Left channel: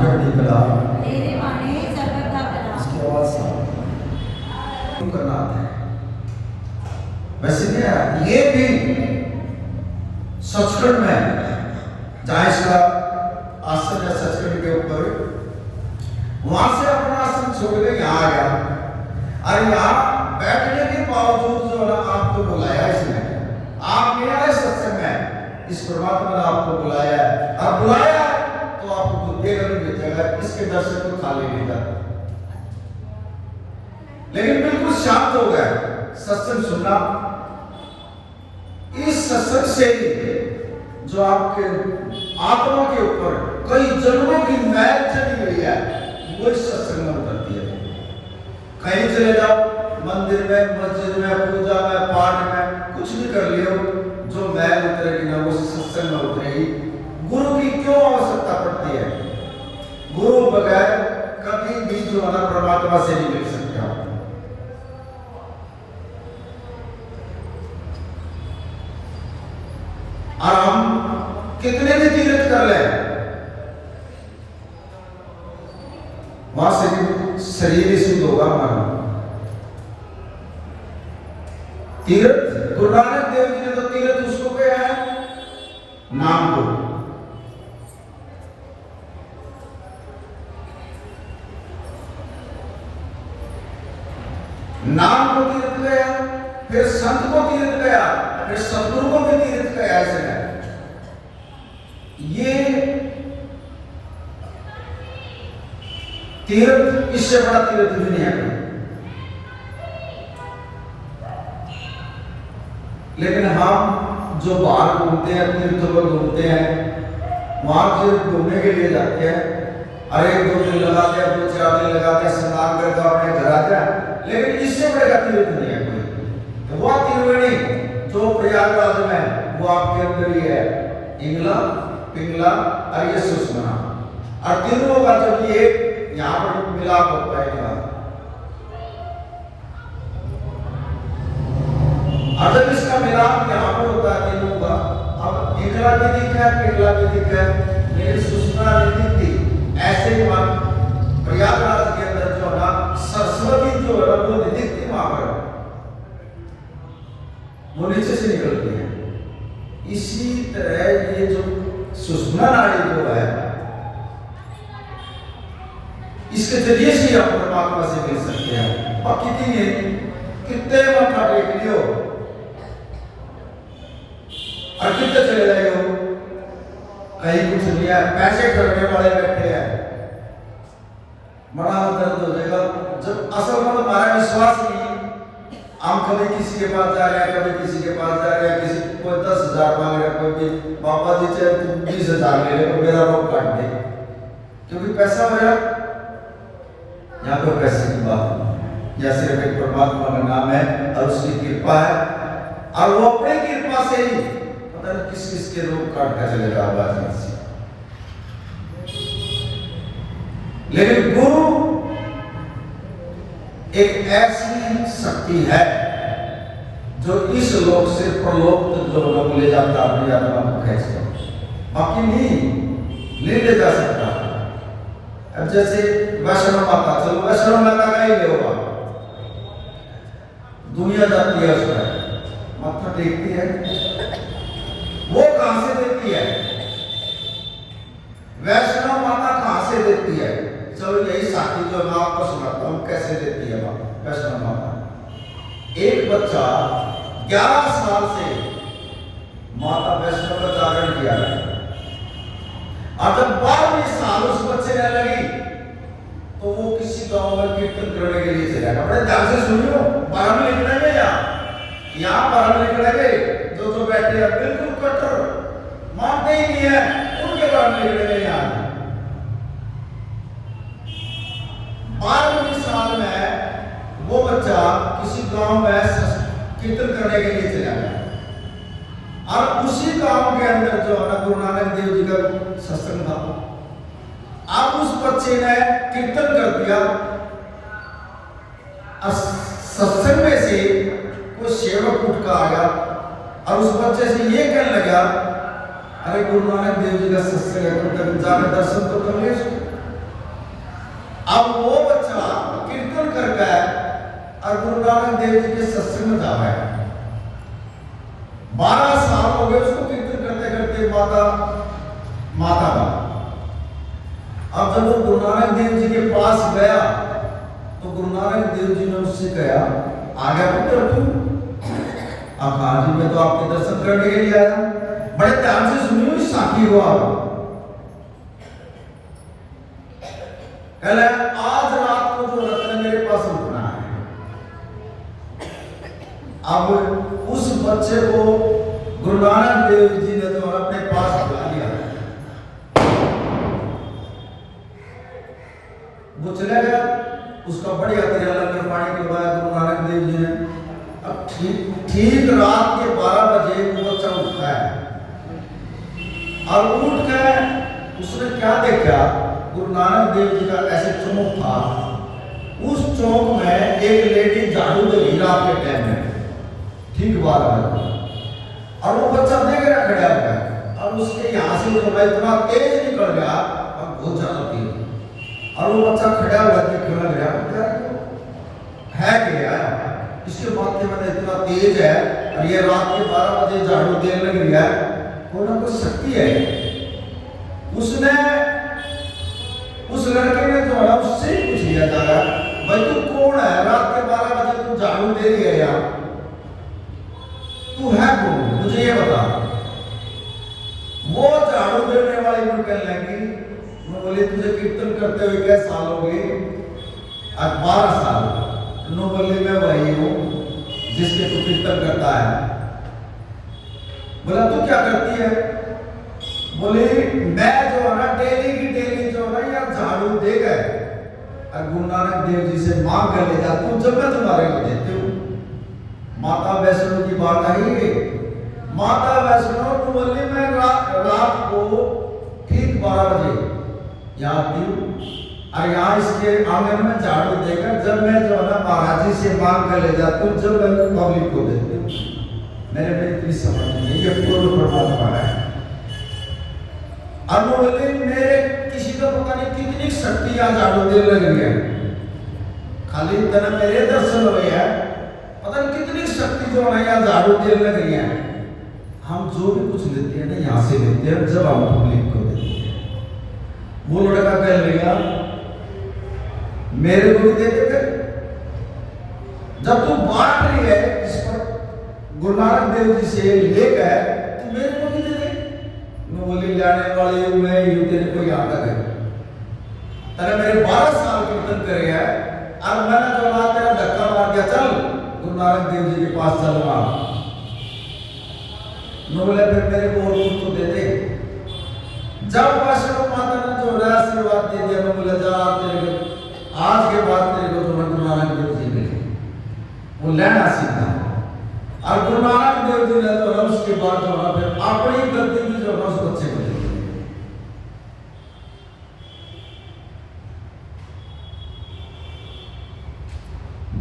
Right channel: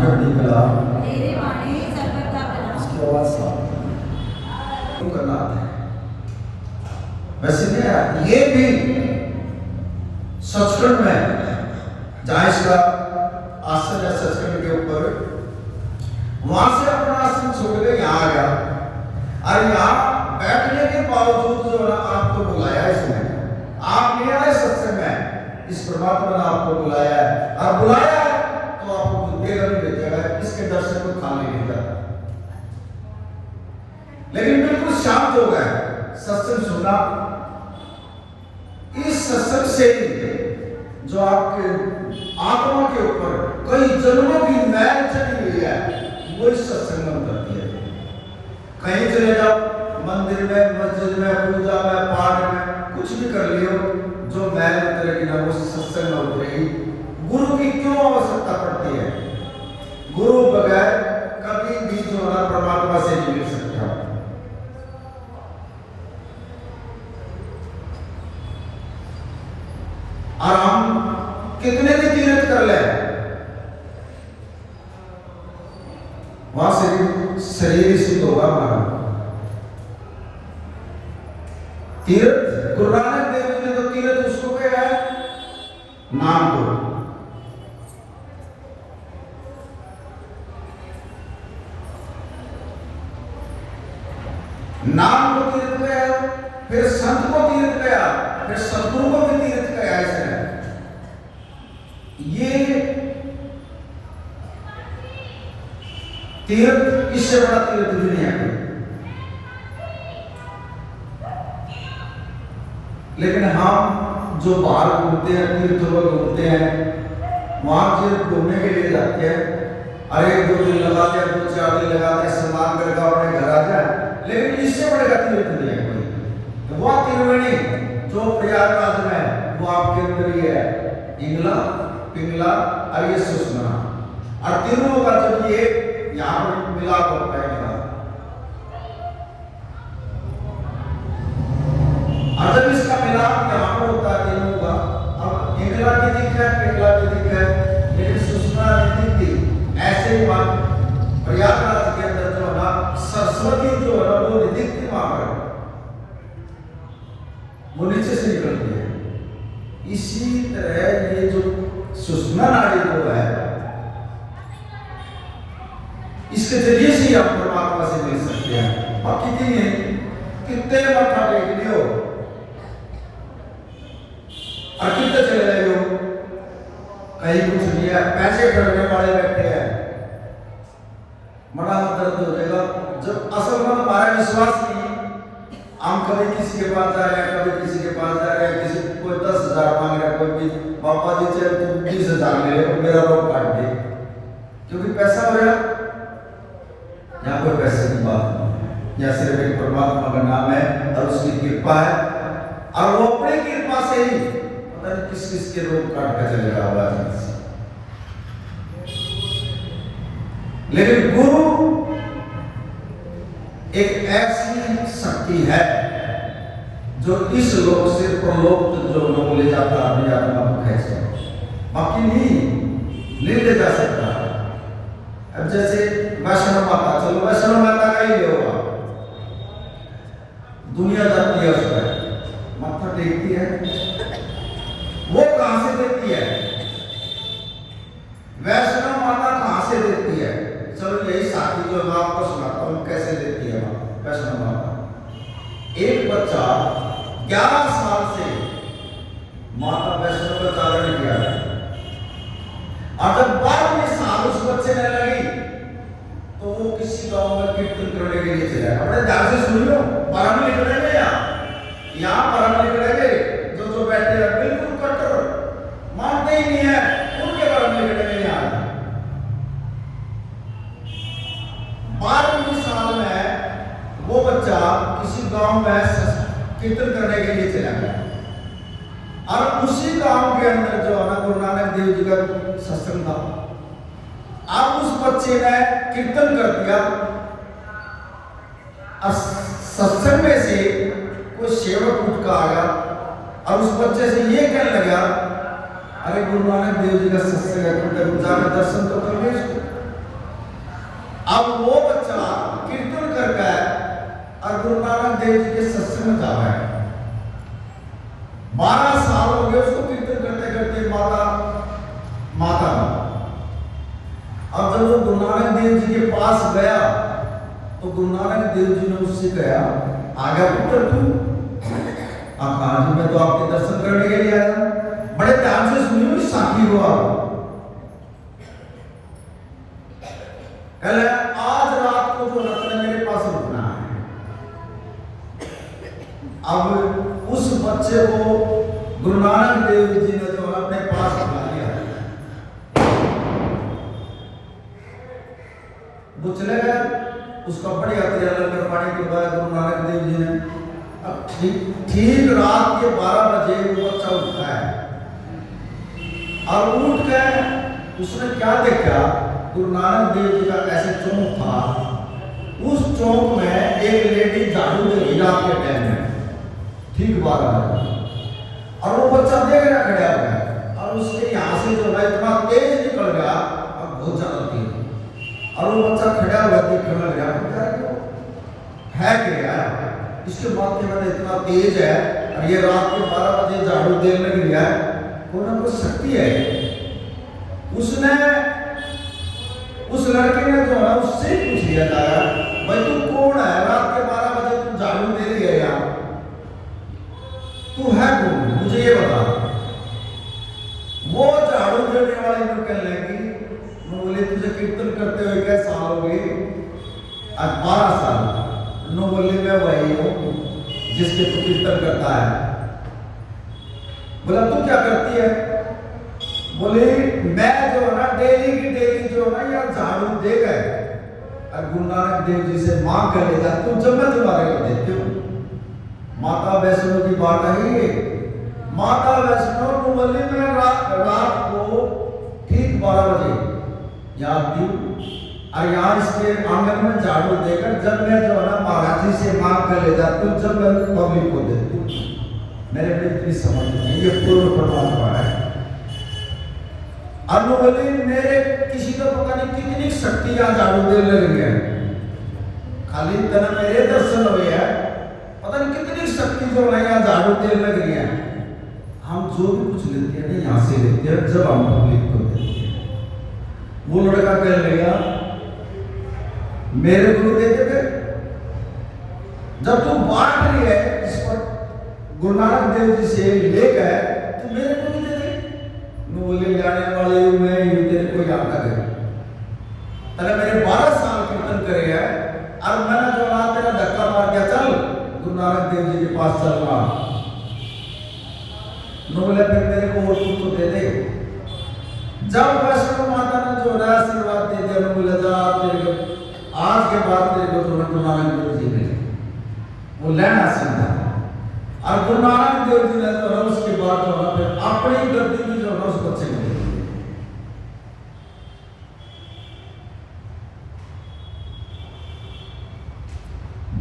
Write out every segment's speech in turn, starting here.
चढ़ती कला तेरे माने सर्वदा भला। इसकी आवाज साफ करना आता है। वैसे नहीं, ये भी सचखंड में जहां इसका आसन है सचखंड के ऊपर, वहां से अपना आसन छोड़ के यहाँ आ गया। और यहाँ बैठने के बावजूद जो है आपको बुलाया इसने, आप नहीं आए सत्संग में, इस परमात्मा ने आपको बुलाया है। और बुलाया तो आपको देगा नहीं भेजेगा, इसके दर्शन को खाली नहीं करता। लेकिन बिल्कुल शांत हो गए, सत्संग सुना। इस सत्संग से जो आपके आत्मा के ऊपर कई जन्मों की मैल चली गई है, वो इस सत्संग में उतरती है। कहीं चले जाओ, मंदिर में, मस्जिद में, पूजा में, पाठ में, कुछ भी कर लियो, जो मैल उतरेगी ना वो सत्संग में उतरेगी। गुरु की क्यों आवश्यकता पड़ती है? गुरु बगैर कभी भी जो है परमात्मा से नहीं मिल सकता। और हम कितने भी तीर्थ कर ले, वहां से भी शरीर सिद्ध होगा हमारा। तीर्थ गुरु नानक देव जी ने तो तीर्थ उसको कहा है नाम को। नाम को तीर्थ गया, फिर संत को तीर्थ गया, फिर सदगुरु को भी तीर्थ गया। ऐसे ये तीर्थ, इससे बड़ा तीर्थ दुनिया में। लेकिन हम जो बाहर घूमते हैं, तीर्थों में घूमते हैं, वहां तीर्थ घूमने के लिए जाते हैं, अरे 2 दिन लगाते हैं, 2-4 दिन लगाते हैं, स्नान करके अपने घर आ जाए। लेकिन इससे बड़े का तीर्थ नहीं है कोई। तो वह त्रिवेणी जो प्रयागराज में, वो आपके अंदर ही है, इंगला, पिंगला और ये सुषमा। और तीनों का जब ये यहाँ पर मिलाप होता है, और जब इसका मिलाप यहाँ पर होता है तीनों का, अब इंगला भी दिखा है, पिंगला भी दिखा है, लेकिन सुषमा नहीं दिखती। ऐसे ही प्रयागराज के अंदर जो है ना सरस्वती जो है ना वो नहीं दिखती, वहां पर वो नीचे से निकलती है। इसी तरह ये जो सुषमा नाड़ी जो है, इसके जरिए से आप परमात्मा से मिल सकते हैं। और कितने मत्था टेक लियो और कितने चले जाइयो, कहीं कुछ नहीं है। पैसे करने वाले बैठे हैं, बड़ा दर्द हो जाएगा जब असल में हमारा विश्वास नहीं। हम कभी किसी के पास जा रहे हैं, कभी किसी के पास जा रहे हैं, किसी कोई 10,000 मांग रहा है, कोई भी पापा जी चाहे तुम 20,000 ले लो, मेरा रोग काट दे, क्योंकि पैसा हो रहा है। यहाँ पर पैसे की बात नहीं, यहाँ सिर्फ एक परमात्मा का नाम है और उसकी कृपा है, और वो अपनी कृपा से ही पता नहीं किस किस के रोग काट कर चले जाएगा से। लेकिन गुरु एक ऐसी शक्ति है जो इस लोक से परलोक जो लोग ले जाता है, अपनी आत्मा को खींच कर, बाकी नहीं ले जा सकता। अब जैसे वैष्णव माता, चलो वैष्णव माता का ही होगा, दुनिया जाती है, उसमें माथा टेकती है, वो कहां से देती है? वैष्णव माता कहां से देती है? चलो यही साथी जो मैं आपको सुनाता हूं कैसे देती है वैष्णव माता। एक बच्चा 11 साल से माता वैष्णव का धारण किया है, और जब 12वें साल उस बच्चे ने लगी तो वो किसी गांव में कीर्तन करने के लिए चला गया। बड़े ध्यान से सुनियो, परम लिख रहे हैं यहाँ परम लिख रहे हैं, जो बैठे हैं बिल्कुल कट्टर मानते ही नहीं है, उनके परम लिख रहे हैं। यहाँ 12वें साल में वो बच्चा किसी गांव में कीर्तन करने के लिए चला गया, और उसी गांव के अंदर जो है ना गुरु नानक देव जी का सत्संग था। अब उस बच्चे ने कीर्तन कर दिया, और सत्संग में से कोई सेवक उठ का आया और उस बच्चे से ये कहने लगा, अरे गुरु नानक देव जी का सत्संग है, तुम जाकर दर्शन तो कर ले उसको। अब वो बच्चा कीर्तन करके और गुरु नानक देव जी के सत्संग में जावा है। 12 साल हो गए उसको कीर्तन करते करते माता अब जब वो गुरु नानक देव जी के पास गया तो गुरु नानक देव जी ने उससे कहा, आ गया पुत्र तू? हाँ जी, मैं तो आपके दर्शन करने के लिए आया। बड़े ध्यान से सुनियो, साखी हुआ कल आज रात को जो रत्न मेरे पास रुकना है। अब उस बच्चे को गुरु नानक देव जी ने जो अपने पास बुला लिया, वो चले गया। उसका बढ़िया तेरा लंगर पानी करवाया गुरु नानक देव जी ने। अब ठीक रात के 12 बजे वो बच्चा उठता है और उठ कर उसने क्या देखा, गुरु नानक देव जी का ऐसे चौक था, उस चौक में एक लेडी झाड़ू दे रही रात के टाइम में, ठीक 12 बजे। और वो बच्चा देख रहा खड़ा हुआ और उसके यहाँ से जो है इतना तेज निकल गया और बहुत ज्यादा तेज, और वो बच्चा खड़ा हुआ देखने लग रहा है क्या इसके माथे में इतना तेज है और ये रात के 12 बजे झाड़ू देने लग रहा है, कोई ना कोई शक्ति है। उसने उस लड़के ने जो है उससे पूछ लिया जाएगा, भाई तू कौन है? रात के 12 बजे तू झाड़ू दे रही है यार, तू है कौन, मुझे ये बता। वो झाड़ू देने वाले को कहने लगी, मैं बोले तुझे कीर्तन करते हुए क्या साल हो गए? आज 12 साल। नो बोले मैं वही हूँ जिसके तू कीर्तन करता है। बोला तू क्या करती है? बोले मैं जो है ना डेली की डेली जो है ना यार झाड़ू दे गए और गुरु नानक देव जी से मांग कर ले जाती हूँ, जब मैं तुम्हारे को देती हूँ। माता वैष्णो की बात नहीं, माता वैष्णो को बोले मैं रात को ठीक 12 बजे याद आती हूँ और यहाँ इसके आंगन में झाड़ू देकर जब मैं जो है ना महाराज जी से मांग कर ले जाती हूँ, जब मैं पब्लिक को देती हूँ। मेरे में इतनी समझ नहीं, ये पूर्ण परमात्मा है। और वो बोले मेरे किसी को पता नहीं कितनी शक्ति यहाँ झाड़ू दे लग रही है, खाली तना मेरे दर्शन हो रही है, पता नहीं कितनी शक्ति जो है यहाँ झाड़ू दे लग रही है। हम जो भी कुछ लेते हैं ना यहाँ से लेते हैं, जब हम पब्लिक को देते हैं। वो लड़का कह लेगा मेरे को भी दे दे, जब तू बांट रही है इस पर गुरु नानक देव जी से लेकर तू मेरे को भी दे दे। बोले जाने वाले मैं ये तेरे को याद आ गई, तेरे मेरे 12 साल कीर्तन करे है और मैंने जो ना तेरा धक्का मार दिया, चल गुरु नानक देव जी के पास चलना। बोले फिर मेरे को और कुछ तो दे दे। जब वैष्णो माता ने जो है आशीर्वाद दे दिया, बोले जा तेरे को आज के बाद तेरे को तो गुरु नानक देव जी मिले, वो लेना सीधा। और गुरु नानक देव जी ने तो उसके बाद जो है फिर अपनी गलती की जो है उस बच्चे को दे दी।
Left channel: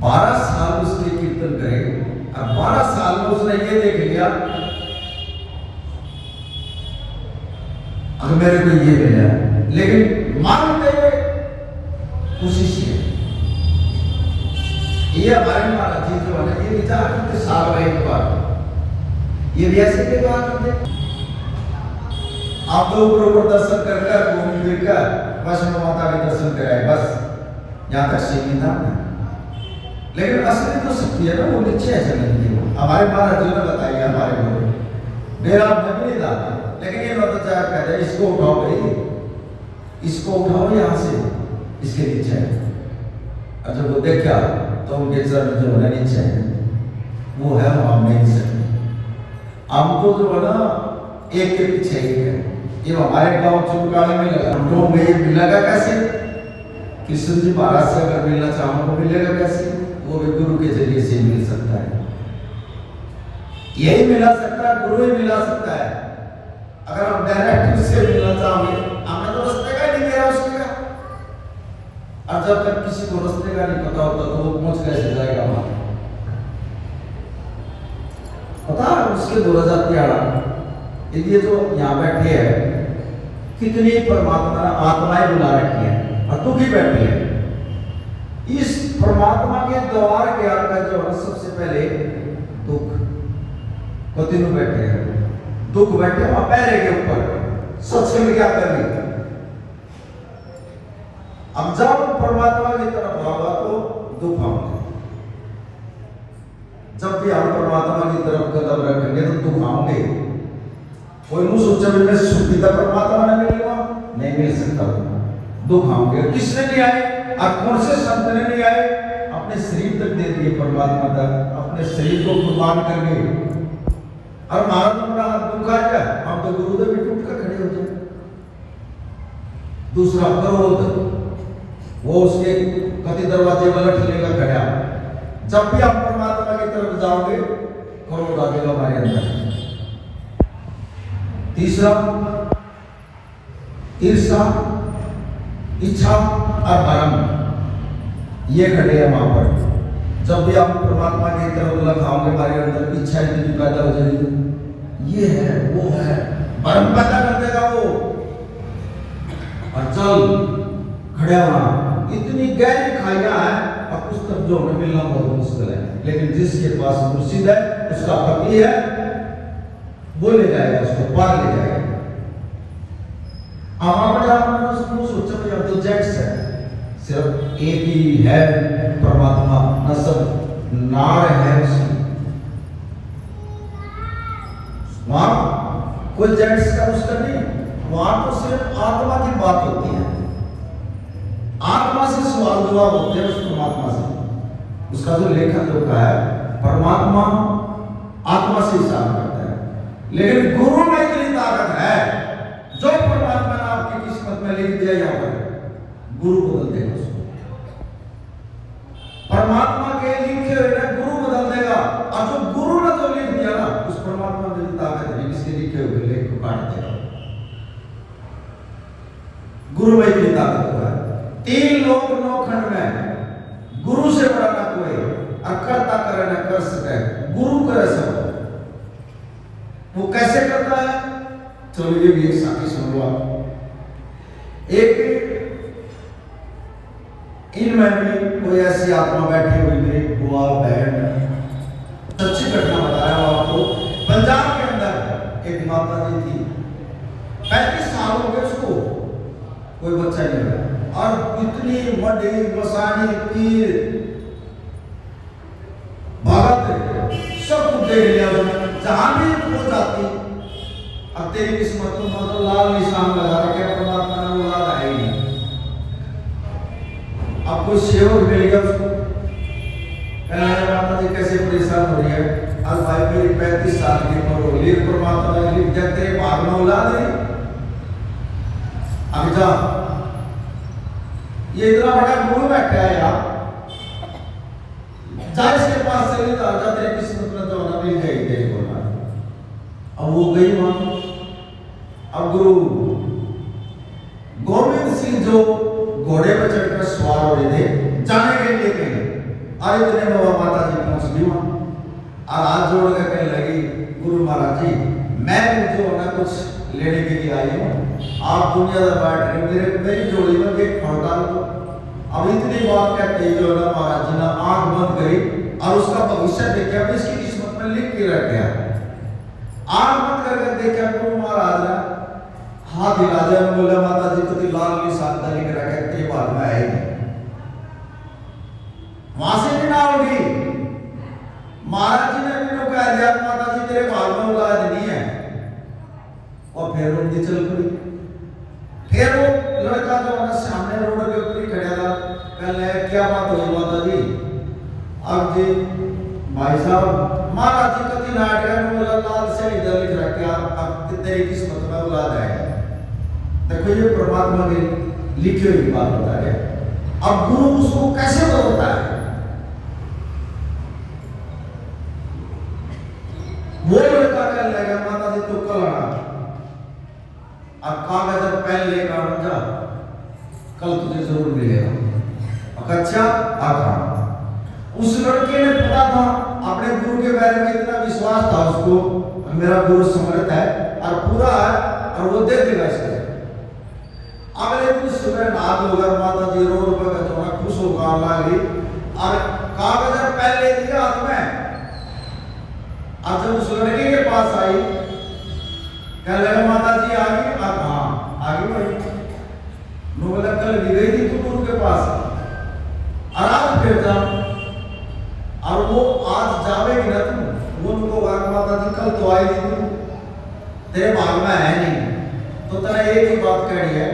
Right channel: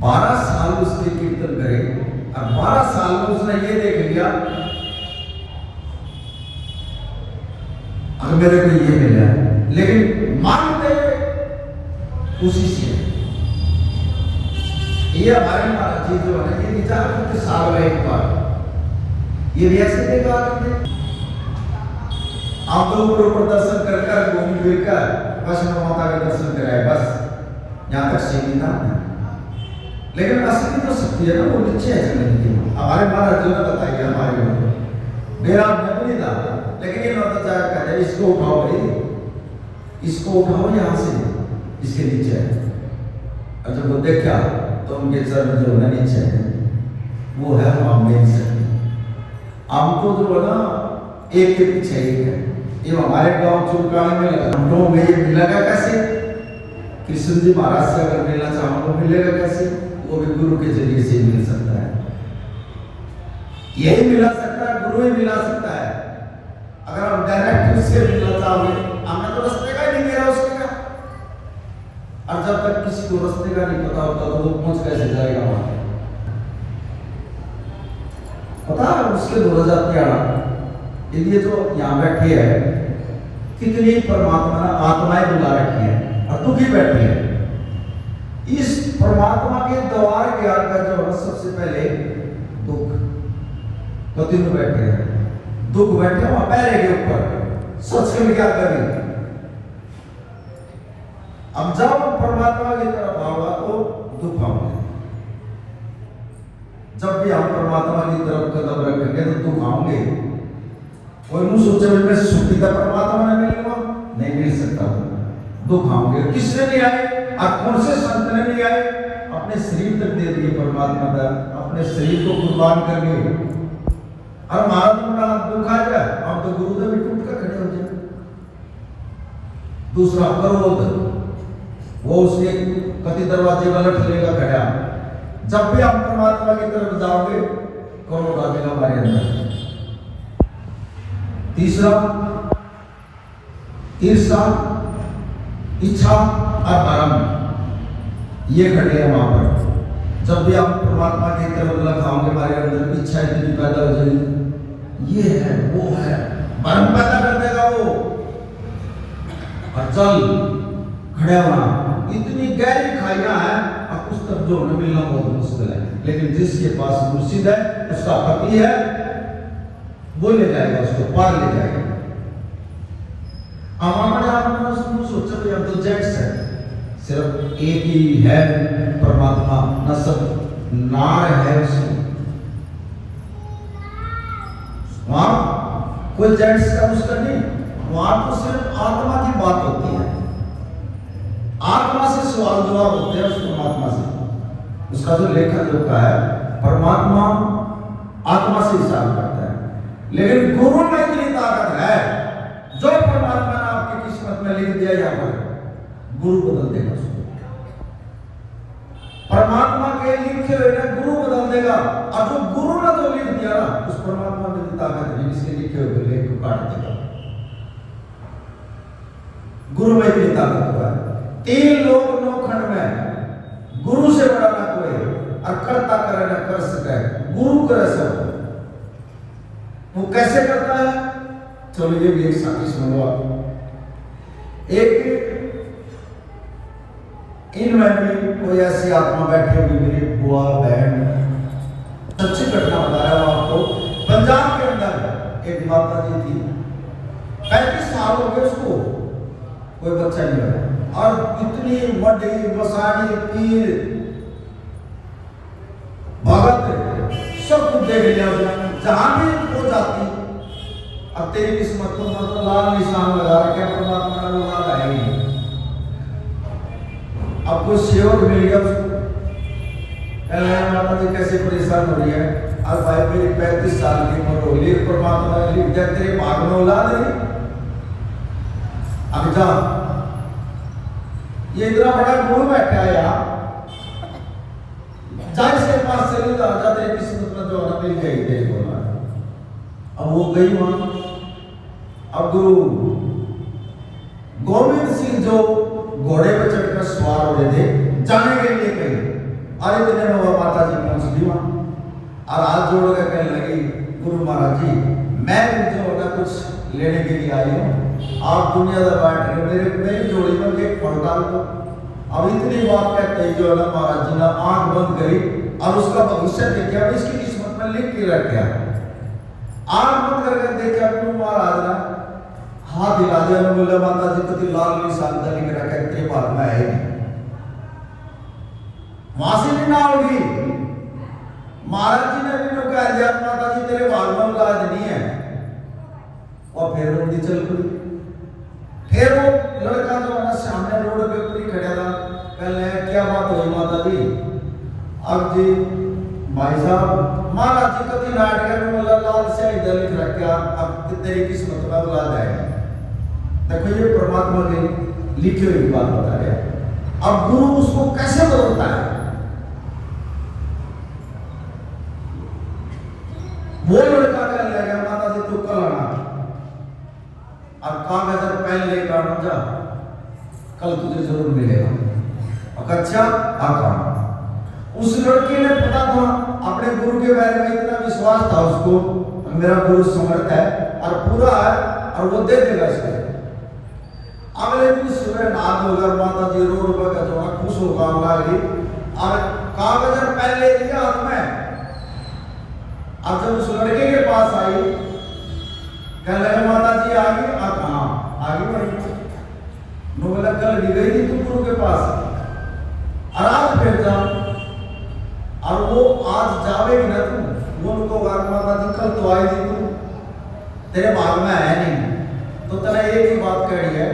12 साल उसके कीर्तन करे और 12 साल में उसने ये देख लिया अगर मेरे को ये मिल जाए, लेकिन मांगते उसी से। ये हमारे महाराज जी जो है ये विचार करते साल में एक बार, ये भी ऐसे के बात करते। आप तो ऊपर दर्शन कर घूम फिर कर वैष्णो माता के दर्शन कराए, बस यहाँ तक सीमित था। लेकिन असली जो शक्ति है ना वो नीचे है चलने की। हमारे महाराज जी ने बताइए, हमारे को मेरा नहीं था, लेकिन ये तो चाह कहते इसको उठाओ भाई, इसको उठाओ यहाँ से, इसके नीचे है। और जब वो देखा तो उनके चरण जो है नीचे है, वो है हम नहीं सकते। हम तो जो है ना एक के पीछे एक है। ये हमारे गांव चुनकाने में लगा, हम लोग में लगा कैसे? कृष्ण जी महाराज से अगर मिलना चाहो तो मिलेगा कैसे? वो भी गुरु के जरिए से मिल सकता है, यही मिला सकता है, गुरु ही मिला सकता है। अगर हम डायरेक्ट उससे मिलना चाहोगे, हमने तो रास्ते का ही नहीं दिया उसके का। और जब तक किसी को रास्ते का नहीं पता होता तो वो पहुंच कैसे जाएगा वहां? पता है उसके 2013 ये जो यहाँ बैठे है कितनी परमात्मा ने आत्माएं बुला रखी है और तू भी बैठी है। इस परमात्मा के द्वार के आकर जो है सबसे पहले दुख पति में बैठे हैं, दुख बैठे हैं पैरे के ऊपर, सच में क्या करें। अब जब परमात्मा की तरफ आओगा तो दुख आएंगे, जब भी हम परमात्मा की तरफ कदम रखेंगे तो दुख आएंगे। कोई नहीं सोचे मैं सुखी का परमात्मा ने मिलेगा, नहीं मिल सकता, दुख आएंगे। किसने नहीं आए और कौन से संत ने नहीं आए, अपने शरीर तक दे दिए परमात्मा का, अपने शरीर को कुर्बान कर गए। और हमारा तो बड़ा दुख आ जाए, हम तो गुरुदेव भी टूट कर खड़े हो जाए। दूसरा क्रोध, वो उसके कति दरवाजे में लट लेगा खड़ा। जब भी आप परमात्मा की तरफ जाओगे क्रोध आ जाएगा हमारे अंदर। तीसरा ईर्ष्या, इच्छा और भरम, ये खड़े हैं वहां पर। जब भी आप परमात्मा की तरफ लगाओगे हमारे अंदर इच्छा इतनी पैदा हो जाएगी, ये है वो है, भरम पैदा कर देगा वो। और चल खड़े होना, इतनी गहरी खाइयां हैं और उस तक जो हमें मिलना बहुत मुश्किल है। लेकिन जिसके पास मुर्शिद है, उसका पति है, वो ले जाएगा, उसको पार ले जाएगा। अब अपने आप में सोचो यार तो जेट्स है, सिर्फ एक ही है परमात्मा, न सब नार है उसमें। वहां कोई जेट्स का उसका नहीं, वहां तो सिर्फ आत्मा की बात होती है, आत्मा से सवाल जवाब होते हैं उस परमात्मा से। उसका जो लेखा जोखा है परमात्मा आत्मा से हिसाब करता है। लेकिन गुरु में इतनी ताकत है, जो परमात्मा ने आपकी किस्मत में लिख दिया यहाँ पर, गुरु बदल देगा उसको। परमात्मा के लिखे हुए ना गुरु बदल देगा। और जो गुरु ने जो लिख दिया ना, उस परमात्मा में भी ताकत है, इसके लिखे हुए लेख को काट देगा। गुरु में इतनी ताकत है। तीन लोग नौ खंड में, गुरु से बड़ा ना कोई, और करता करे ना कर सके, गुरु करे सब। वो कैसे करता है, चलो ये भी एक साथी सुन लो आप। एक इनमें भी कोई ऐसी आत्मा बैठी हुई, मेरी बुआ बहन, सच्ची घटना बता रहा हूं आपको। पंजाब के अंदर एक माता जी थी, 35 साल हो गए उसको, कोई बच्चा नहीं हुआ। और इतनी बड़ी बसानी पीर भगत सब कुछ देख लिया उसने, जहां भी वो जाती। अब तेरी किस्मत को मतलब लाल निशान लगा रखे परमात्मा ने, वो लाल आएगी। अब कोई सेवक मिल गया उसको, कहने लगा माता जी कैसे परेशान हो रही है। अब भाई मेरी 35 साल की उम्र हो गई, परमात्मा ने लिख दिया तेरे भाग में औलाद नहीं, अब जा। ये इतना बड़ा गुरु बैठा है यार, जा इसके पास चली जा, तेरी किस्मत में जो ना मिल गई देख बोला। अब वो गई वहां। अब गुरु गोविंद सिंह जो घोड़े पर चढ़कर सवार हो रहे थे जाने के लिए कहीं, और इतने में वो माता जी पहुंच गई वहां और हाथ जोड़ कर कहने लगी, गुरु महाराज जी मैं जो ना कुछ लेने के लिए आई हूँ, आप दुनिया का बैठ रहे, मेरी जोड़ी में देख फल डाल दो। अब इतनी बात कहते ही जो है ना महाराज जी ने आंख बंद करी और उसका भविष्य देखा, इसकी किस्मत में लिख के रख गया। आंख बंद करके देखा, गुरु महाराज ने हाथ हिला दिया, बोले माता जी तो लाल निशान लिख रखा है, तेरे बाल में आएगी, वहां से भी ना होगी। महाराज जी ने भी कह दिया माता जी तेरे बाल में औलाद नहीं है। और फिर उनकी चल पड़ी। फिर वो लड़का जो है सामने रोड के ऊपर ही खड़ा था, कहने क्या बात हुई माता जी। अब जी भाई साहब महाराज जी कभी नाट कर बोला लाल से इधर लिख रखा, अब तेरी किस्मत में औलाद आएगा। देखो ये परमात्मा के लिखी हुई बात बता रहे हैं। अब गुरु उसको कैसे बदलता है, वो लड़का कहने लगा माता जी तू कल आना, अब कागज और पेन लेकर आना जा, कल तुझे जरूर मिलेगा। अच्छा आका। उस लड़के ने पता था, अपने गुरु के बारे में इतना विश्वास था उसको, मेरा गुरु समर्थ है और पूरा है और वो दे देगा इसको। अगले दिन सुबह नहा धोकर माता जी रोड पर का थोड़ा खुश होकर लग रही और कागज पहले दिया हाथ में। अब जब उस लड़के के पास आई, कहने लगा माता जी आ गई। अब हाँ आ गई भाई। नो बोला कल भी गई थी तू गुरु के पास, और आज फिर जाओ। और वो आज जावेगी ना तुम, वो उनको माता जी कल तो आई थी तू, तेरे भाग में है नहीं, तो तेरा एक ही बात कह रही है,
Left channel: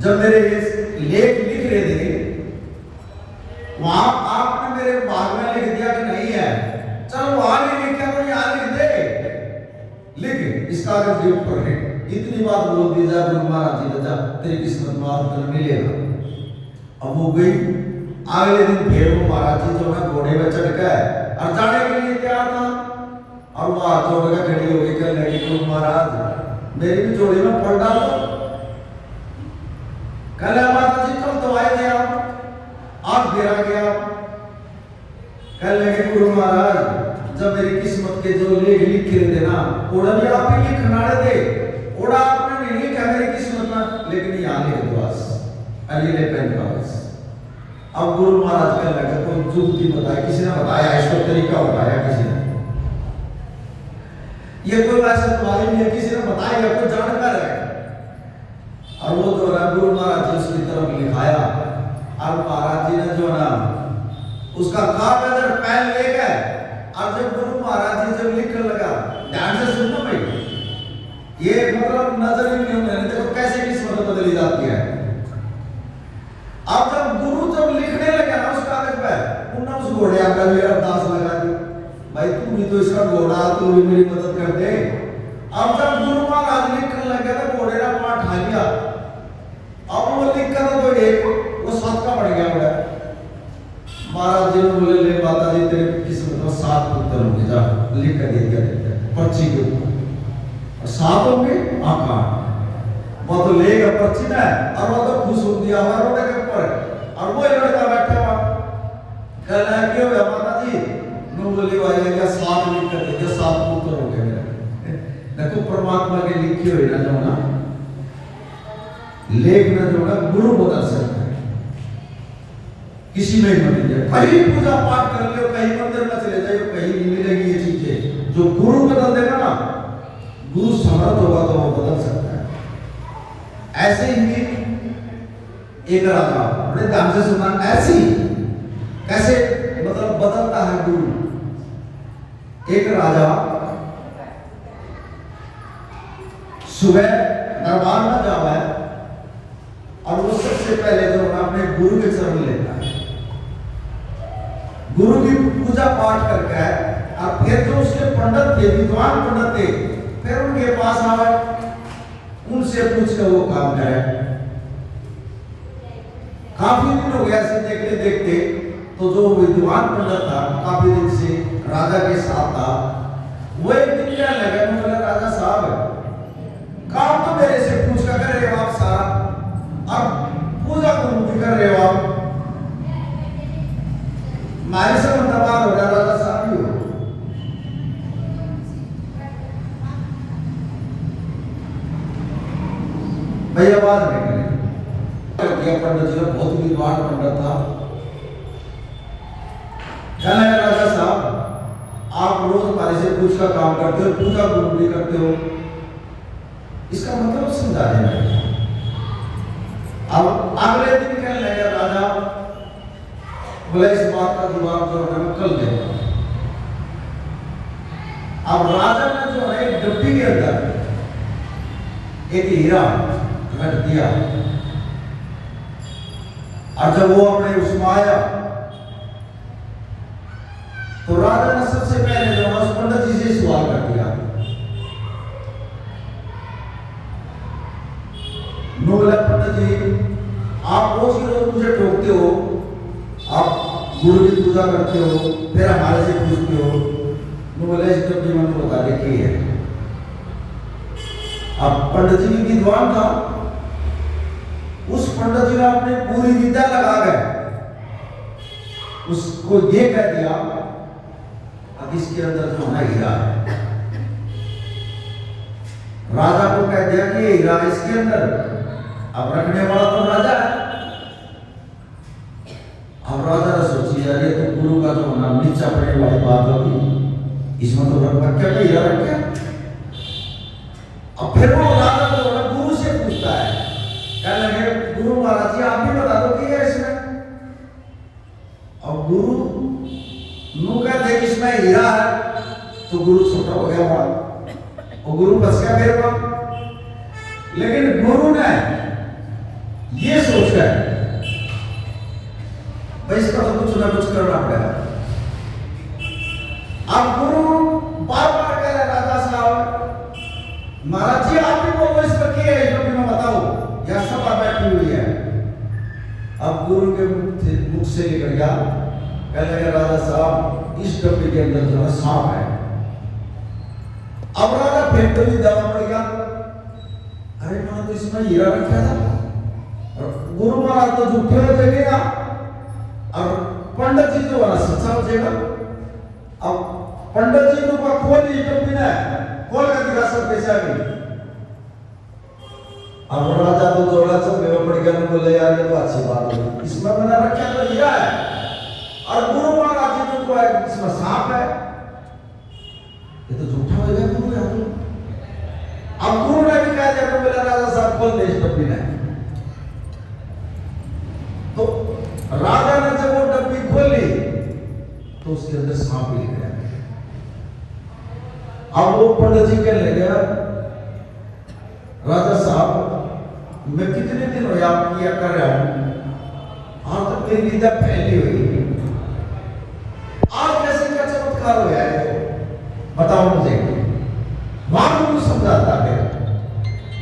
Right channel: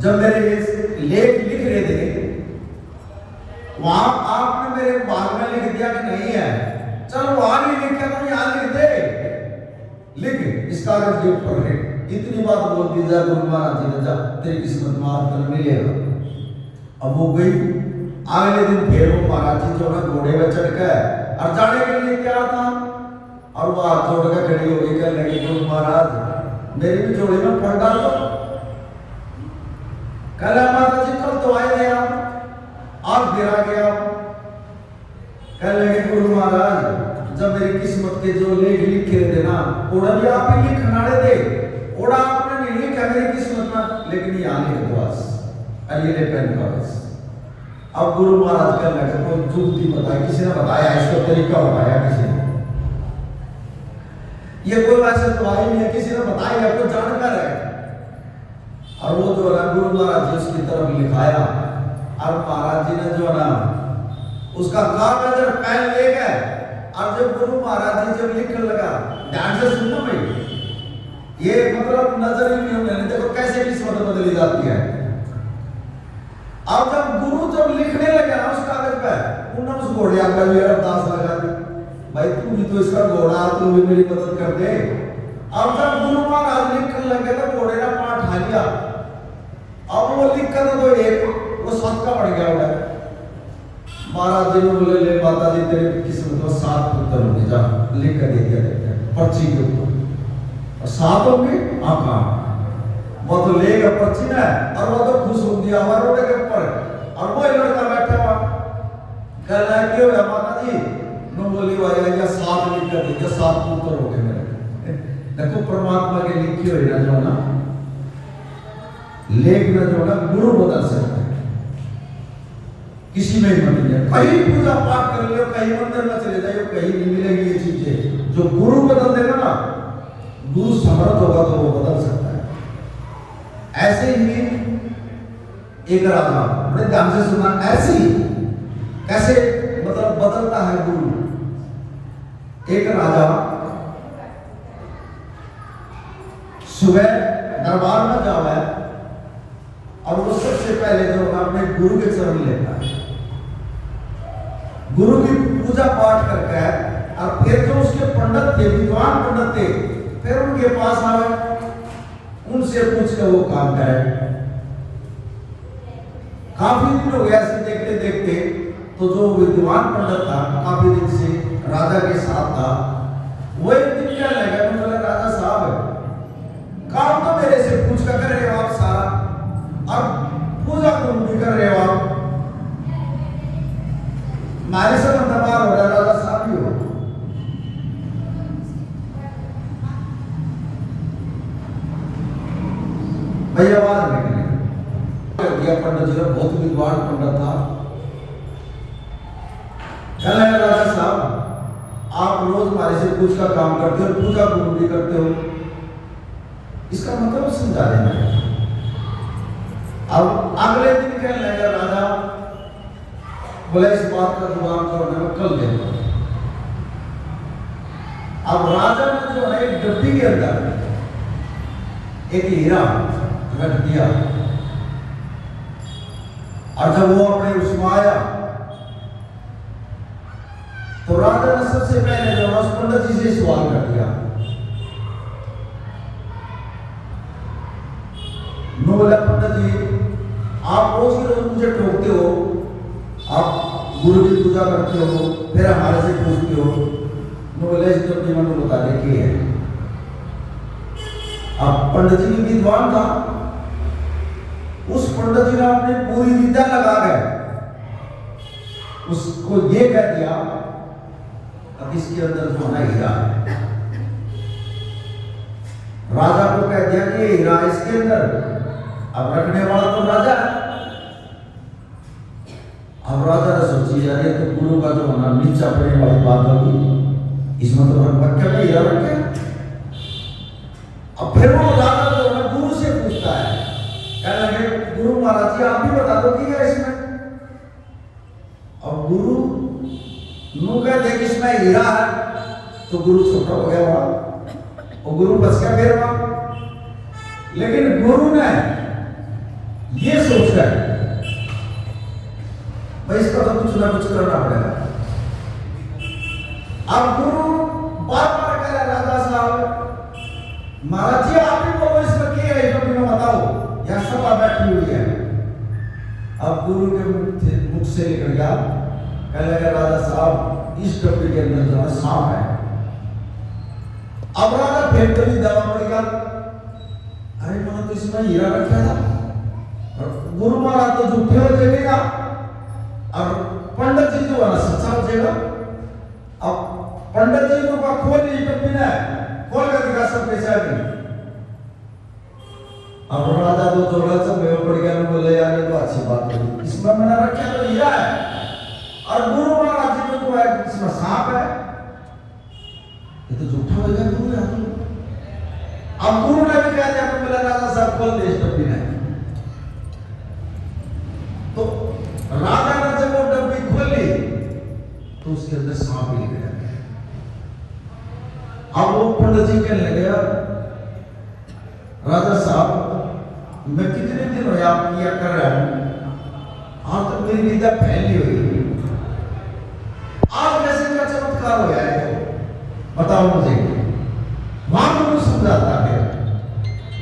जब मेरे लेख लिख रहे थे वहां आपने मेरे भाग में लिख दिया कि नहीं है, चलो वहां नहीं लिखा तो यहां लिख दे, लिख इस कागज के ऊपर लिख। इतनी बात बोल दी जा गुरु महाराज जी ने, जा तेरी किस्मत में आज कल मिलेगा। अब वो गई। अगले दिन फिर वो महाराज जी जो है घोड़े में चढ़ गए और जाने के लिए तैयार था, और वो हाथ जोड़ कर खड़ी हो गई, कहने लगी गुरु महाराज मेरी भी जोड़ी में फंड डाल दो। कल माता जी कल तो आए थे आप, आज फिर आ गया। कहने लगे गुरु महाराज जब मेरी किस्मत के जो लेख लिखे थे ना, ओड़ा भी आप ही लिखनाड़े दे, ओड़ा आपने नहीं लिखा मेरी किस्मत में, लेकिन यहाँ लिख दो बस अलीले पेन कागज। अब गुरु महाराज कहने लगे कोई जुगती बताई, किसी ने बताया इसको तरीका बताया, किसी ने ये कोई वैसे दवाई नहीं है, किसी ने बताया कोई जानकार है। और वो जो है गुरु महाराज जी उसकी तरफ लिखाया, और महाराज जी ने जो है ना उसका कागज और पेन ले गए, और जब गुरु महाराज जी जब लिखने लगा, ध्यान से सुनना भाई, ये मतलब नजर ही नहीं होने, देखो कैसे किस्मत बदली जाती है। अब जब गुरु जब लिखने लगे ना उस कागज पे, उन्होंने उस घोड़े का भी अरदास लगा दी, भाई तू भी तो इसका घोड़ा, तू भी मेरी मदद कर दे। अब जब गुरु महाराज लिखने लगे तो घोड़े का पाठ आ गया। अब वो लिखकर तो एक वो 7 का पड़ गया। महाराज जी ने बोले ले माता जी तेरी किस्मत में 7 पुत्र होंगे, जा लिख कर दे दिया पर्ची के ऊपर, और 7 होंगे। हाँ हाँ वो तो लेगा पर्ची ना, और वो तो खुश हो दिया हुआ रोड के ऊपर, और वो लड़का बैठा हुआ कह रहा है क्यों माता जी, नो बोली भाई या 7 लिख कर दिया, 7 पुत्र हो गए मेरे। देखो परमात्मा के लिखी हुई ना जो ना लेख ना जो ना गुरु बदल सकता है, किसी में ही मत जाए, कहीं पूजा पाठ कर लियो, कहीं मंदिर में चले जाइए, कहीं नहीं मिलेगी ये चीजें। जो गुरु बदल देगा ना, गुरु समर्थ होगा तो वो बदल सकता है। ऐसे ही एक राजा, बड़े ध्यान से सुनना, ऐसी कैसे मतलब बदलता है गुरु। एक राजा सुबह दरबार में जावा है, और वो सबसे पहले जो अपने गुरु के चरण लेता है, गुरु की पूजा पाठ करके, और फिर जो उसके पंडित थे, विद्वान पंडित थे, फिर उनके पास आवे, उनसे पूछ कर वो काम करे। काफी दिन हो गया ऐसे देखते देखते, तो जो विद्वान पंडित था काफी दिन से राजा के साथ था, वो एक दिन कहने लगा, बोला राजा साहब काम तो मेरे से पूछ कर कर रहे हो आप सारा, और पूजा को भी कर रहे हो आप, हमारे से दबाव हो रहा राजा साहब ही हो। भाई आवाज निकली कर दिया। पंडित जी बहुत विद्वान पंडित था, कहने लगा राजा साहब आप रोज हमारे से पूछ का काम करते हो, पूजा को भी करते हो, इसका मतलब समझा देना। अब अगले दिन कहने लगा राजा, बोले इस बात का जवाब तो मैं कल दूंगा। अब राजा ने जो है एक डब्बी के अंदर एक हीरा रख दिया, और जब वो अपने उसमें आया तो राजा ने सबसे पहले जो उस पंडित जी से सवाल कर दिया, नो बोला पंडित जी आप रोज के रोज मुझे टोकते हो, आप गुरु की पूजा करते हो, फिर हमारे से पूछते हो, नो बोला इस डब्बी में तो बता दे की है। अब पंडित जी विद्वान था, उस पंडित जी ने अपनी पूरी विद्या लगा गए उसको ये कह दिया अब इसके अंदर जो है हीरा है। राजा को कह दिया कि ये हीरा इसके अंदर, अब रखने वाला तो राजा है। अब राजा ने सोची यार ये तो गुरु का जो होना नीचा पड़ने वाली बात होगी, इसमें तो बच्चा भी हीरा रख गया। अब फिर वो राजा जो है गुरु से पूछता है, कहने लगे गुरु महाराज जी आप भी बता दो कि क्या इसमें। अब गुरु नु कहते कि इसमें हीरा है, तो गुरु छोटा हो गया वहां और गुरु बच गया फिर वहां। लेकिन गुरु ने ये सोचकर भाई इसका तो कुछ ना कुछ करना पड़ेगा। अब गुरु बार बार कह रहे राजा साहब महाराज जी आप ही बोलो इसमें क्या है, इसको भी ना बताओ, यह सब बैठी हुई है। अब गुरु के मुख से निकल गया, कहने लगे राजा साहब इस डब्बे के अंदर जो सांप है। अब राजा फिर तो नहीं जवाब पड़ गया, अरे मां तो इसमें हीरा रखा था और गुरु महाराज तो झूठे हो जाएगा और पंडित जी जो है सच्चा हो जाएगा। अब पंडित जी को खोल दी डब्बी ने, खोल कर दिखा सब कैसे आ गई। अब राजा तो जोड़ा सब मेरे पड़ गया, बोले यार ये तो अच्छी बात है, इसमें मैंने रखा तो हीरा है और गुरु महाराज जी तो है इसमें सांप है, ये तो झूठा हो गया गुरु है। अब गुरु ने भी कह दिया तो मेरा राजा साहब खोल दे इस डब्बी ने। तो राजा ने जब वो डब्बी खोली तो उसके अंदर सांप ही गया। अब वो पंडित जी कहने लगे राजा साहब मैं कितने दिन हो आप किया कर रहा हूं, हाँ तो मेरी निंदा फैली हुई, आज कैसे क्या चमत्कार हो गया है बताओ मुझे। वहां को समझाता है,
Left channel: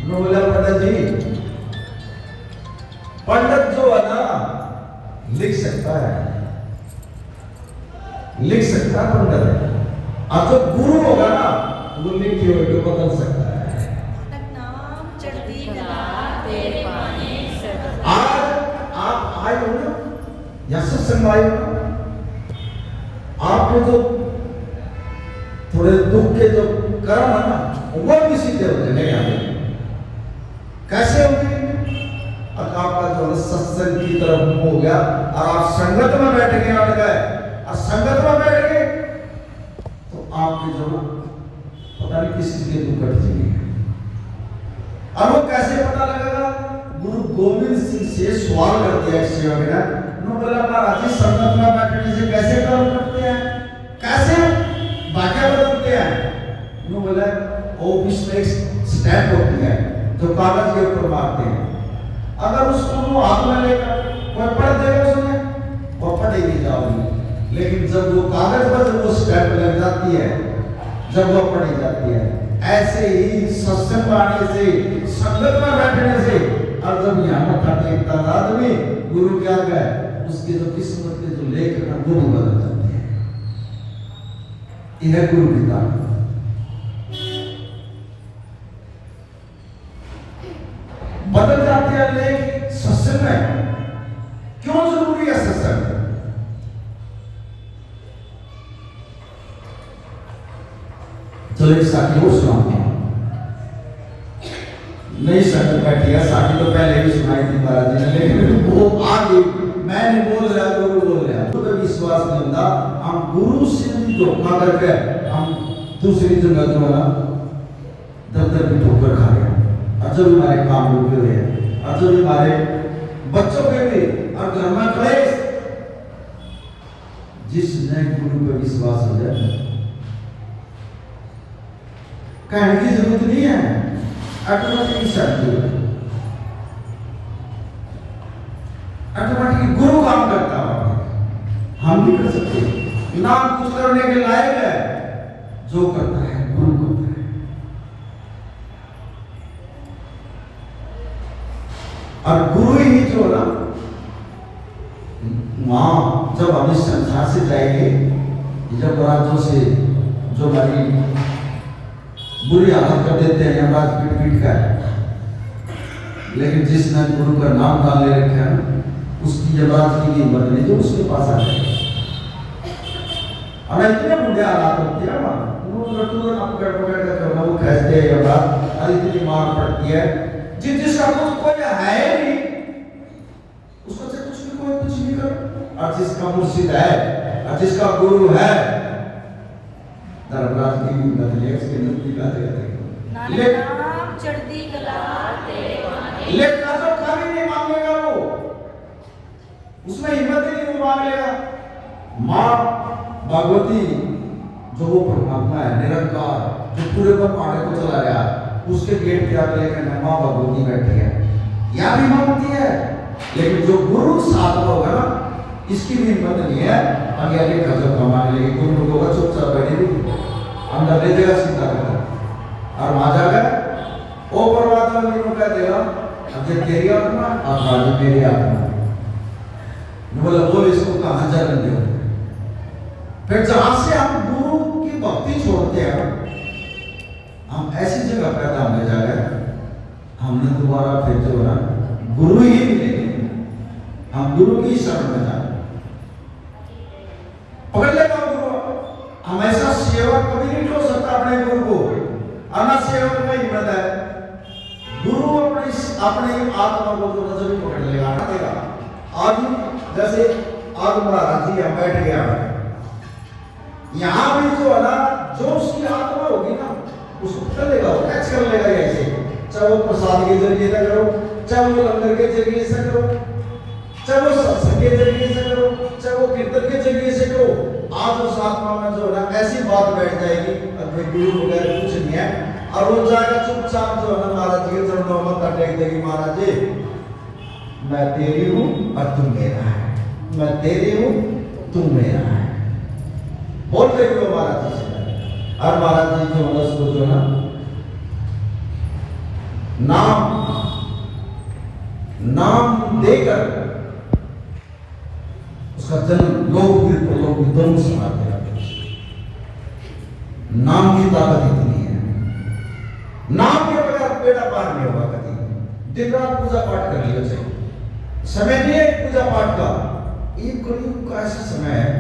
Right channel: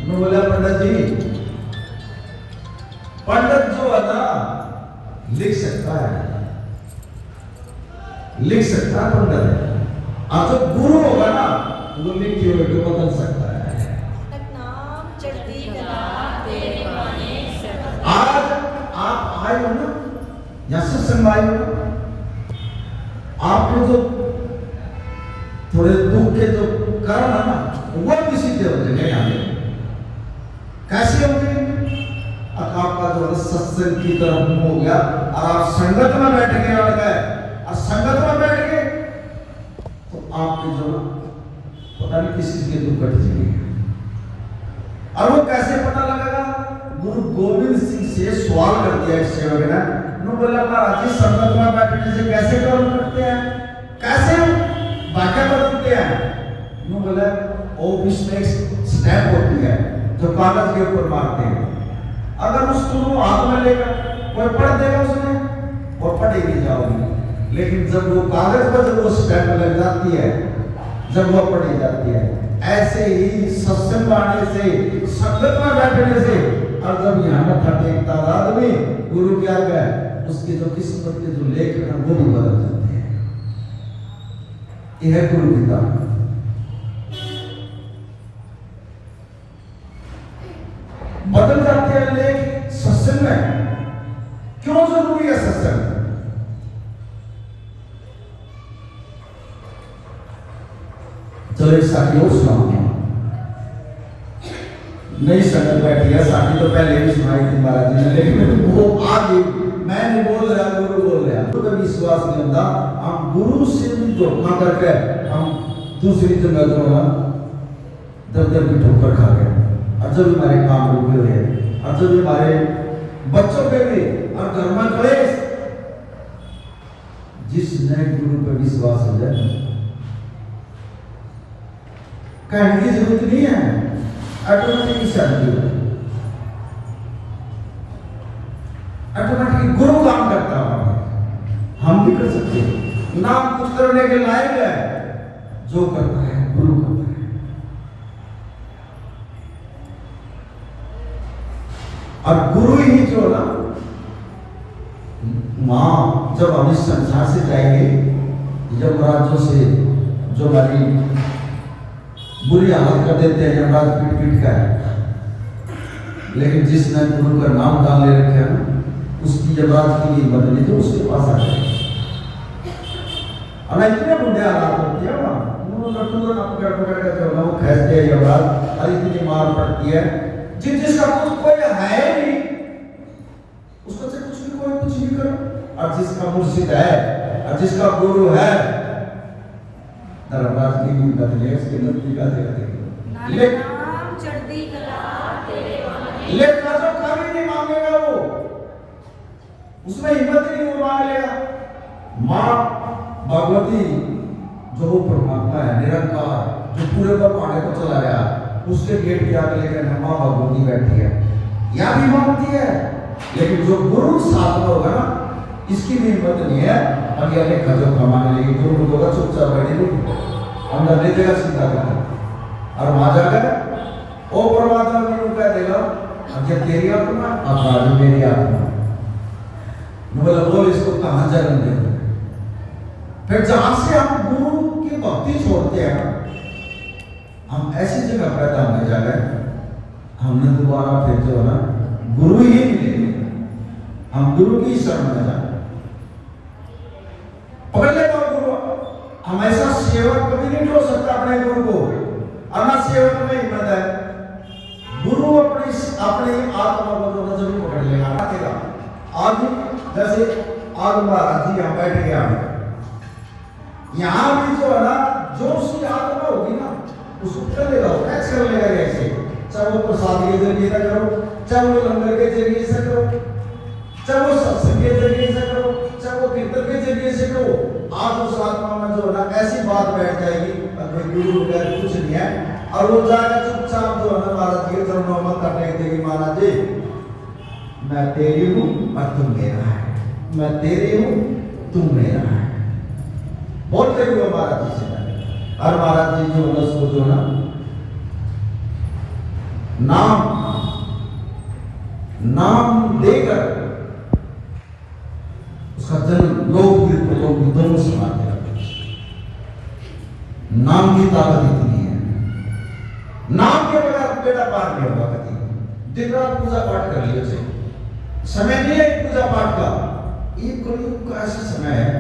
बोला पंडित जी पंडित जो है ना लिख सकता है, लिख सकता है पंडित, और जो गुरु होगा ना वो लिखे हुए को बदल सकता है। आज आप आए हो ना या सत्संग आए हो ना, आपको जो थोड़े दुख के जो कर्म है ना वो भी सीधे हो जाएंगे। कैसे होंगे? आपका जो सत्संग की तरफ मुंह हो गया और आप संगत में बैठ गए और संगत में बैठ गए तो आपके जो पता नहीं किस चीज के दुख कट जाएंगे। और वो कैसे पता लगेगा? गुरु गोविंद सिंह से सवाल कर दिया इस सेवक ने, बोला महाराज जी संगत में बैठने से कैसे कर्म करते हैं, कैसे भाग्य बदलते हैं? बोला ऑफिस में एक स्टैंप होती है जो कागज के ऊपर मारते हैं, अगर उसको हाथ में लेकर कोई पढ़ देगा उसने वो पढ़ेगी जाओगी, लेकिन जब वो कागज पर जब वो स्टैंप लग जाती है जब वो पढ़ी जाती है। ऐसे ही सत्संग आने से संगत में बैठने से और जब यहाँ मत्था टेकता आदमी गुरु के आगे उसकी जो किस्मत के जो लेख है वो भी बदल जाते हैं। यह गुरु की दान। बदल जाते हैं लेख सत्संग में। क्यों जरूरी है सत्संग? चलो एक साथी और सुनाते हैं। नई संगत बैठी है, साथी तो पहले भी सुनाई थी महाराज जी ने, लेकिन वो आज मैं नहीं बोल रहा, गुरु बोल रहा है। तो विश्वास नहीं होता, हम गुरु से भी धोखा करके हम दूसरी जगह जो है दफ्तर की ठोकर खा गए, और जब हमारे काम रुके हुए हैं, और जब हमारे बच्चों के भी और घर में क्लेश। जिसने गुरु पर विश्वास हो जाए कहने की जरूरत नहीं है, ऑटोमेटिक शांति हो, ऑटोमेटिक गुरु काम करता है। हम भी कर सकते हैं, ना कुछ करने के लायक है, जो करता है गुरु करता है। और गुरु ही जो ना वहां जब हम इस संसार से जाएंगे, जब महाराजों से जो हमारी बुरी हालत कर देते हैं यमराज पीट पीट कर, लेकिन जिसने गुरु का नाम डाल ले रखे हैं उसकी यमराज की कीमत नहीं जो उसके पास आ जाए। और इतने बुढ़े हालात होते हैं टूर ना पकड़ पकड़ के जो ना वो खींचते हैं बात और इतनी मार पड़ती है जिसका कुछ कोई है नहीं उसको से कुछ भी कोई कुछ भी करो और जिसका मुर्शिद है और जिसका गुरु है धर्मराज की भी बदले उसके नजदीक आ जाएगा नाम चढ़ती कला लेकिन जो कभी नहीं मांगेगा वो उसमें हिम्मत ही नहीं वो मांग लेगा माँ भगवती जो वो परमात्मा है निरंकार जो पूरे ब्रह्मांड को चला रहा उसके गेट पे आप लेकर माँ भगवती बैठी है या भी मांगती है लेकिन जो गुरु साथ में होगा ना इसकी भी हिम्मत नहीं है अब ये खजर मांग लेगी गुरु को चुपचाप बैठेगी अंदर ले देगा चिंता करना और वहां जाकर ओ परमात्मा ने कह देगा अब ये तेरी आत्मा अब आज मेरी आत्मा बोला बोल इसको कहां जन्म दे फिर जहां से हम गुरु की भक्ति छोड़ते हैं हम ऐसी जगह पैदा होने जा रहे हैं हमने दोबारा फिर जो ना गुरु ही मिलेंगे हम गुरु की शरण में जाए पकड़ लेगा गुरु हमेशा सेवा कभी नहीं हो सकता अपने गुरु को अन्ना सेवक में हिम्मत है गुरु अपनी अपनी आत्मा को जो नजर भी पकड़ लेगा देगा आज जैसे आज महाराज जी यहाँ बैठ गया यहाँ भी जो है ना जो उसकी आत्मा होगी ना उसको कर लेगा वो कैच कर लेगा ऐसे चाहे वो प्रसाद के जरिए से करो चाहे वो लंगर के जरिए से करो चाहे वो सत्संग के जरिए से करो चाहे वो कीर्तन के जरिए से करो आज उस आत्मा में जो है ना ऐसी बात बैठ जाएगी अब कोई गुरु वगैरह कुछ नहीं है और वो जाएगा चुपचाप जो है ना महाराज जी के चरणों में मत्था टेक देगी महाराज जी मैं तेरी हूँ और तुम मेरा है मैं तेरी हूँ तुम मेरा है बोलते हुए महाराज जी से और महाराज जी जो है उसको जो ना नाम देकर उसका जन्म लोग दोनों सुना दिया नाम की ताकत इतनी है नाम के बगैर बेटा पार नहीं होगा कभी दिन रात पूजा पाठ कर लिया से समय नहीं है पूजा पाठ का ये कलयुग का ऐसा समय है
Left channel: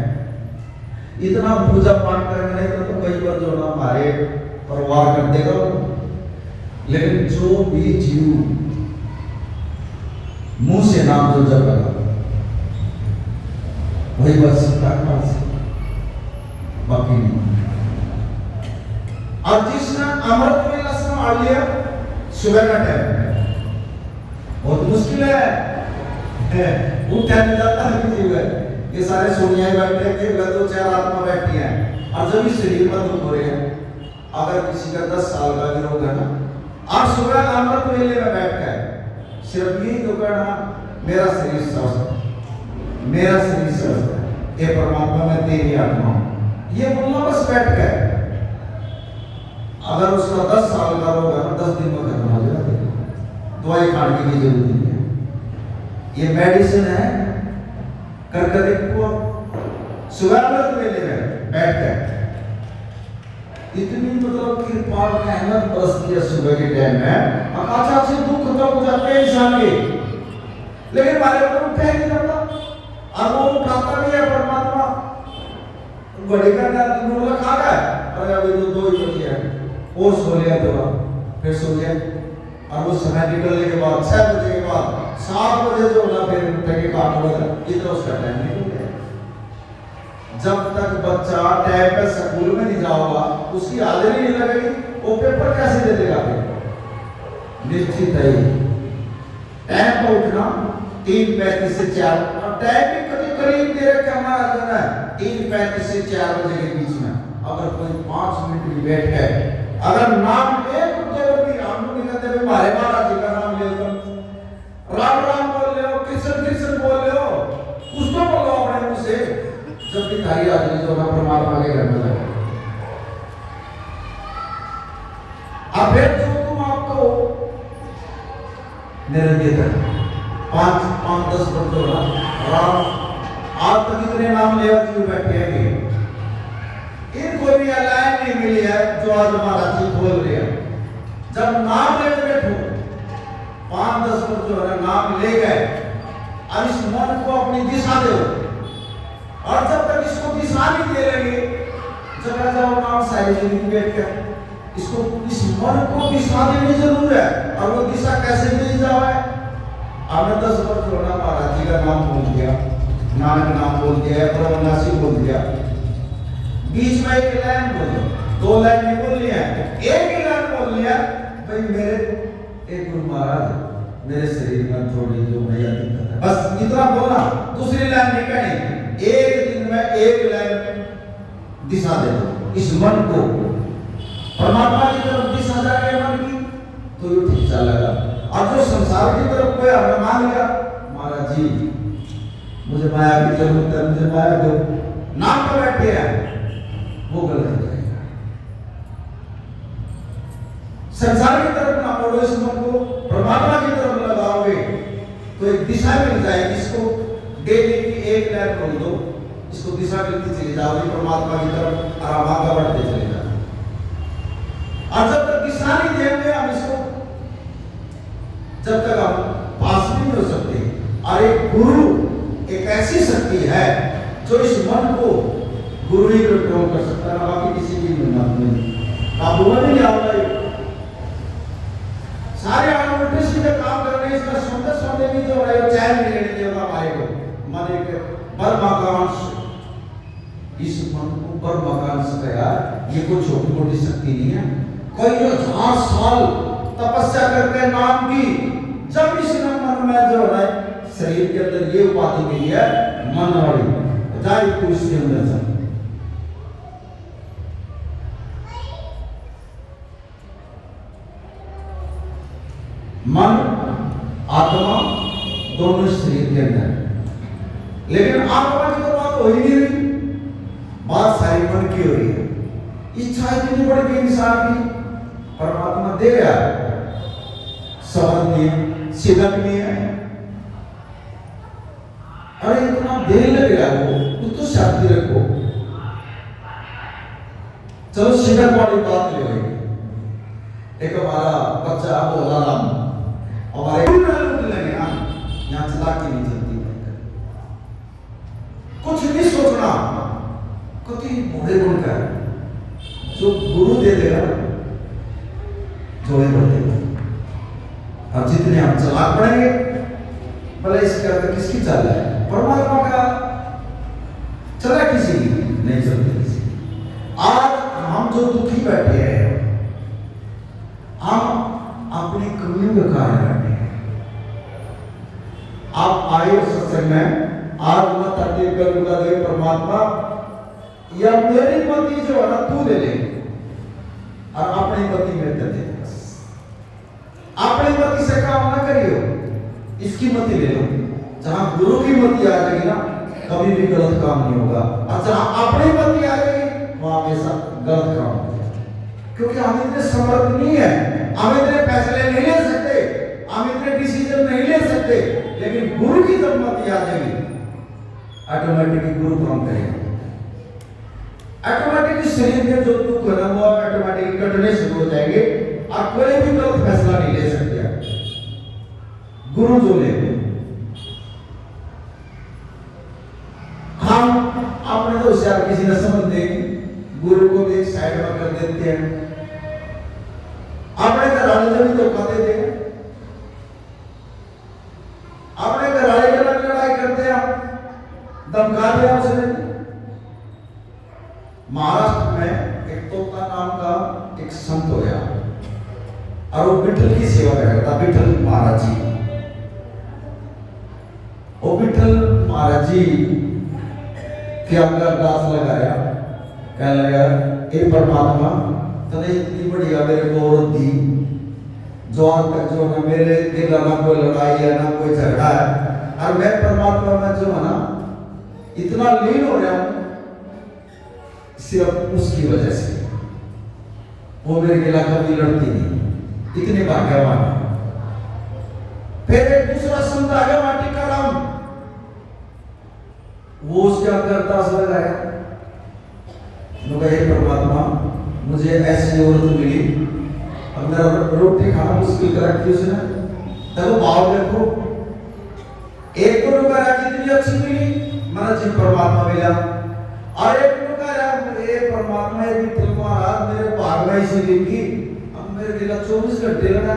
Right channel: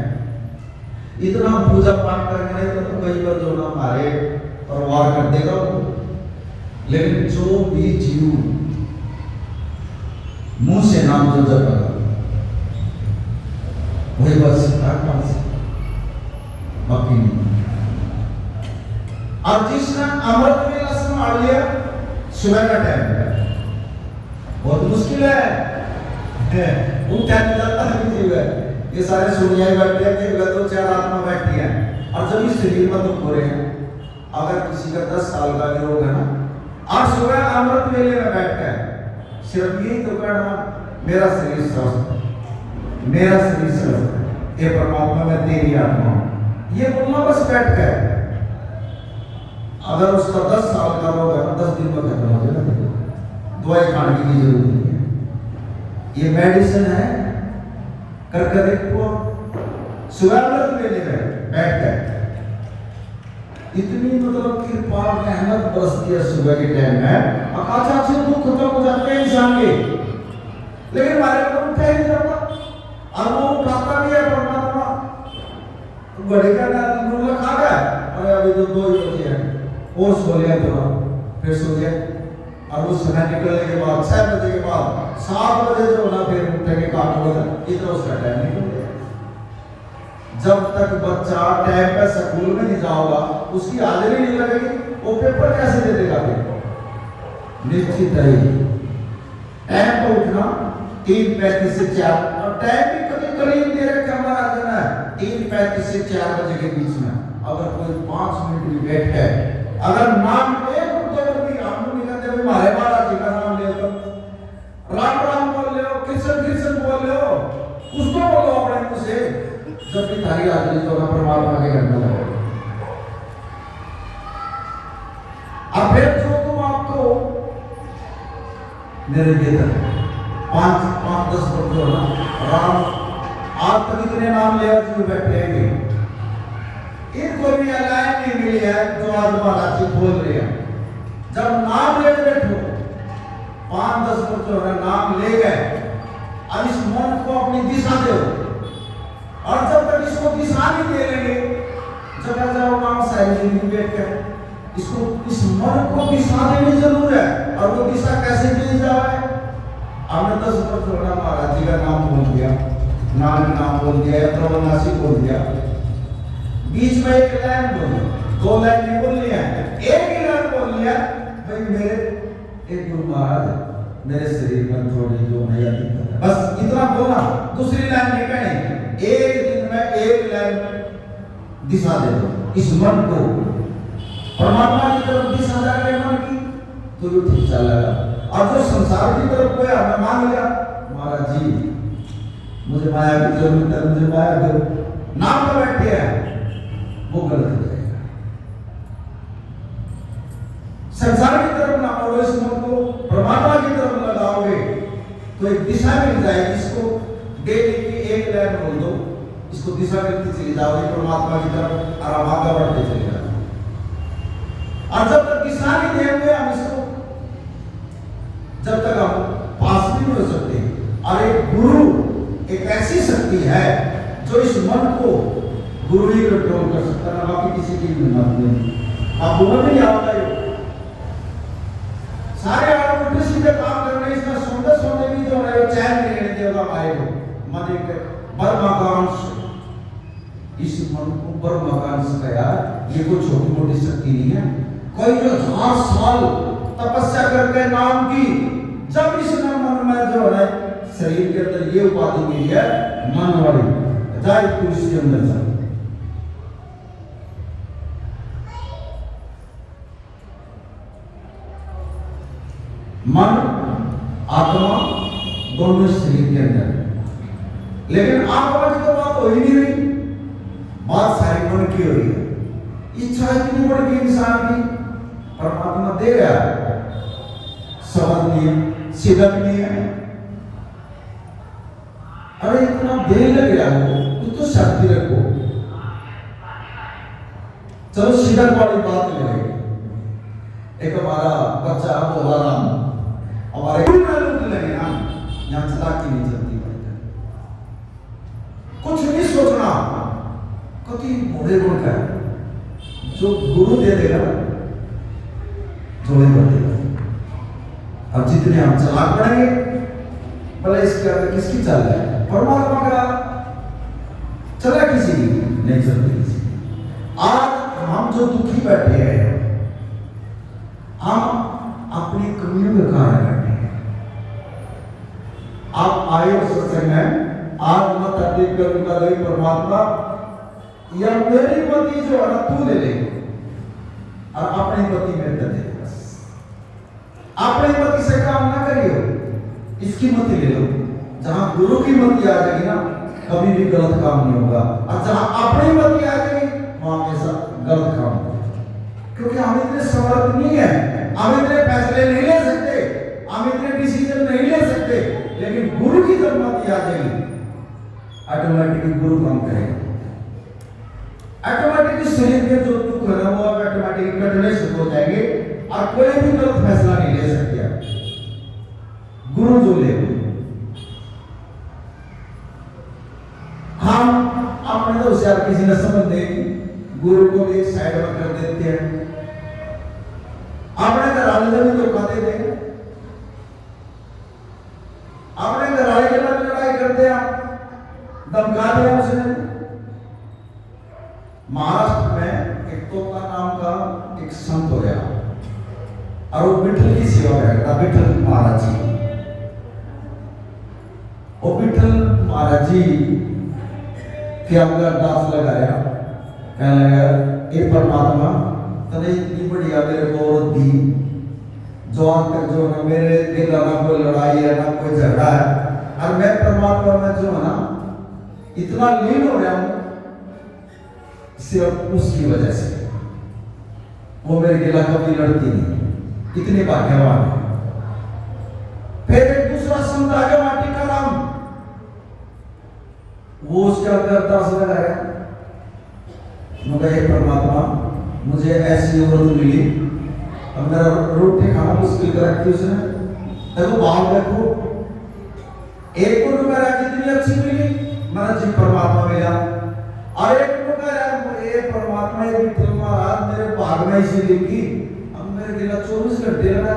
इतना पूजा पाठ करेंगे तो कई बार जो ना हमारे परिवार कर देगा लेकिन जो भी जीव मुंह से नाम जो जपेगा वही बात सकता है बाकी नहीं और जिसने अमृत वेला संभाल लिया सुबह का टाइम है बहुत मुश्किल है वो टाइम जाता है किसी का ये सारे सोनिया बैठे हैं कि दो चार आत्मा बैठी हैं और जब इस शरीर में दुख हो रहे हैं अगर किसी का 10 साल का भी रोग है ना और सुबह अमृत वेले में बैठ कर सिर्फ यही तो कहना मेरा शरीर स्वस्थ मेरा शरीर स्वस्थ ये परमात्मा में तेरी आत्मा ये बोलना बस बैठ कर अगर उसका 10 साल का रोग है 10 दिन में खत्म हो जाएगा दवाई खाने की जरूरत नहीं है ये मेडिसिन है करके देखो सुबह अमृत वेले में बैठ कर इतनी मतलब कृपा रहमत बरसती है सुबह के टाइम में अकाचा से दुख खत्म हो जाते हैं इंसान के लेकिन हमारे को उठा ही नहीं जाता और वो उठाता भी है परमात्मा बड़े का नूर खा गया अरे अभी तो 2 ही बजे हैं और सो लिया थोड़ा फिर सो गया और वो समय निकलने के बाद 6 बजे के बाद 7 बजे जो ना फिर उठेंगे काम होगा इतना उसका टाइम नहीं हो गया जब तक बच्चा टाइम पे स्कूल में नहीं जाओगा उसकी हाजिरी नहीं लगेगी वो पेपर कैसे दे देगा फिर निश्चित है टाइम पे उठना 3:35 से 4 और टाइम भी करीब दे रखा हमारा जो है 3:35 से 4 बजे के बीच में अगर कोई 5 मिनट भी बैठ है अगर नाम एक उद्धव भी हम नहीं कहते भाई हमारे महाराज जी का नाम ले तो राम राम बोल लो कृष्ण कृष्ण बोल लो कुछ तो बोलो अपने मुंह से जब भी थारी हाजिरी जो ना परमात्मा के घर में जाए अब फिर जो तुम आपको मेरे देता 5-10 बच्चों ना राम आज तक इतने नाम ले आते बैठे हैं इनको भी अलाइन नहीं मिली है जो आज महाराज जी बोल रहे हैं जब नाम ले बैठो 5-10 बच्चों ना नाम ले गए अब इस मन को अपनी दिशा दो और जब तक इसको दिशा नहीं दे लेंगे जगह जाओ नाम सारी जिंदगी बैठ कर इसको इस मन को दिशा देनी जरूर है। और वो दिशा कैसे दी जाए? आपने 10 वर्ष छोड़ा महाराज जी का नाम बोल दिया, नानक नाम बोल दिया, प्रवनासी बोल दिया, बीच में एक लाइन बोली, 2 लाइन नहीं बोलनी है, एक ही लाइन बोल लिया भाई मेरे एक गुरु महाराज मेरे शरीर में थोड़ी जो मैया दिक्कत है, बस इतना बोलना, दूसरी लाइन नहीं कहनी। एक दिन में एक लाइन में दिशा दे दो इस मन को, परमात्मा की तरफ दिशा जाके मन की तो ये ठीक चलेगा। और जो संसार की तरफ कोई हमें मांग लिया महाराज जी मुझे माया की जरूरत है, मुझे माया दो, नाम तो बैठे हैं, वो गलत हो जाएगा। संसार की तरफ ना मोड़ो इस मन को, परमात्मा की तरफ लगाओगे तो एक दिशा मिल जाएगी। इसको डेली की एक लाइन बोल दो, इसको दिशा मिलती चली जाओगे परमात्मा की तरफ और हम आगे बढ़ते चले जाओगे। और जब तक दिशा नहीं देंगे हम इसको, जब तक हम पास नहीं हो सकते। और एक गुरु एक ऐसी शक्ति है जो इस मन को गुरु ही कंट्रोल कर सकता है, बाकी किसी की हिम्मत नहीं। आप बोल नहीं आता है सारे आप उल्टे सीधे काम कर रहे हैं, इसका सुनते भी जो है चैन नहीं लेने देगा हमारे को। मन एक परमाकांश, इस मन को परमाकांश का यार ये कोई छोटी मोटी शक्ति नहीं है। कई 1000 साल तपस्या करके नाम की, जब इसने मन में जो है शरीर के अंदर ये उपाधि मिली है मन वाली, जाए तू इसके अंदर जा। मन आत्मा दोनों शरीर के अंदर, लेकिन आत्मा की तो बात हो ही नहीं रही, बात सारी मन की हो रही है। इच्छा इतनी बड़ी थी इंसान की, परमात्मा दे गया, समझ नहीं है, सिद्धक नहीं है। अरे इतना देर लग गया वो तो शांति रखो। चलो सिद्धक वाली बात ले लेंगे। एक हमारा बच्चा बोला राम हमारे लगे हम यहाँ चलाकी नहीं चलती, कुछ नहीं सोचना, कति बड़े गुण का जो गुरु दे देगा जोड़े बढ़ देगा। अब जितने हम चलाक पड़ेंगे भले इसके अंदर किसकी चल रहा है, परमात्मा का चला किसी की नहीं चलती किसी। आज हम जो दुखी बैठे हैं हम अपनी कमियों के कारण बैठे हैं। आप आए सत्संग में, आज मत अतीत करूंगा गई परमात्मा या मेरी मति जो है ना तू ले ले और अपनी मति में दे दे। बस अपनी मति से काम ना करियो, इसकी मति ले लो। जहां गुरु की मति आ जाएगी ना कभी भी गलत काम नहीं होगा, और जहां अपनी मति आ जाएगी वहां हमेशा गलत काम होगा। क्योंकि हम इतने समर्थ नहीं है, हम इतने फैसले नहीं ले सकते, हम इतने डिसीजन नहीं ले सकते, लेकिन गुरु की जब मति आ जाएगी ऑटोमेटिकली गुरु काम करेगा। ऑटोमेटिकली शरीर में जो दुख है वो ऑटोमेटिकली कटने शुरू हो जाएंगे और कोई भी गलत फैसला नहीं ले सकते आप। गुरु जो ले हम अपने तो होशियार किसी ने समझ देगी, गुरु को भी एक साइड में कर देते हैं, अपने घराने से भी धोखा दे देंगे, अपने घराने के साथ लड़ाई करते हैं, धमका दिया उसने। महाराष्ट्र में एक तोता नाम का एक संत हो गया और वो विठल की सेवा करता, विठल महाराज जी। वो विठल महाराज जी के अंदर अरदास लगाया, कहने लगा हे परमात्मा तने इतनी बढ़िया मेरे को औरत दी, जो आज तक जो ना मेरे दिल ना कोई लड़ाई है ना कोई झगड़ा है, और मैं परमात्मा में जो है ना इतना लीन हो गया हूं सिर्फ उसकी वजह से। वो मेरे खिलाफ कभी लड़ती नहीं, इतने भाग्यवान है। फिर एक दूसरा संत आ गया माटी का राम, वो उसके अंदर अरदास लगाया, हे परमात्मा मुझे ऐसी औरत मिली, अब मेरा रोटी खाना मुश्किल कर रखी उसने, देखो भाव देखो, एक को रुका रहा कितनी अच्छी मिली, मैंने जी परमात्मा मिला, और एक को कह रहा ये परमात्मा ये विठल महाराज मेरे भाग में इसी लिखी, अब मेरे लिए 24 घंटे लगा,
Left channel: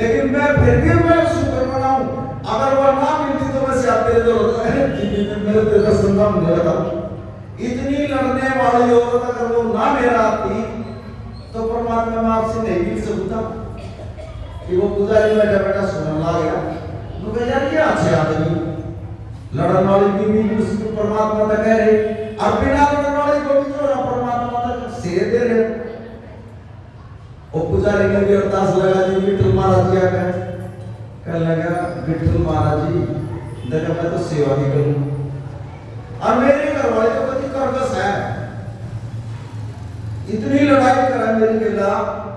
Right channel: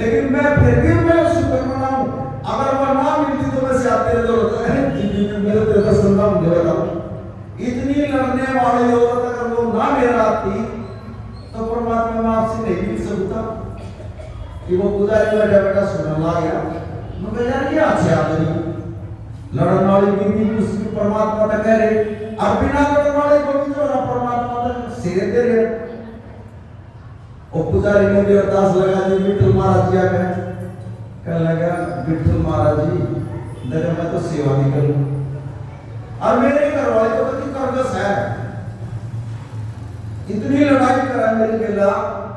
लेकिन मैं फिर भी मैं शुक्र मनाऊं। अगर वो ना मिलती तो मैं साथ दे मेरे तो दर्शन ना मिले बताओ। इतनी लड़ने वाली औरत अगर वो ना मेरा आती तो परमात्मा मैं आपसे नहीं मिल सकता। कि वो पुजारी बैठा बैठा सुनने लगा, मुझे यार ये अच्छे आदमी लड़न वाली बीवी उसकी परमात्मा तक कह रही, और बिना लड़न वाले को भी जो परमात्मा तक सिरे दे रहे। और पुजारी ने भी अरदास लगा दी, विठल महाराज जी आ गए, कह लगा विठल महाराज जी देखो मैं तो सेवा भी करूं, और मेरे घर वाले तो कभी कर्कश है, इतनी लड़ाई करा मेरी बेला,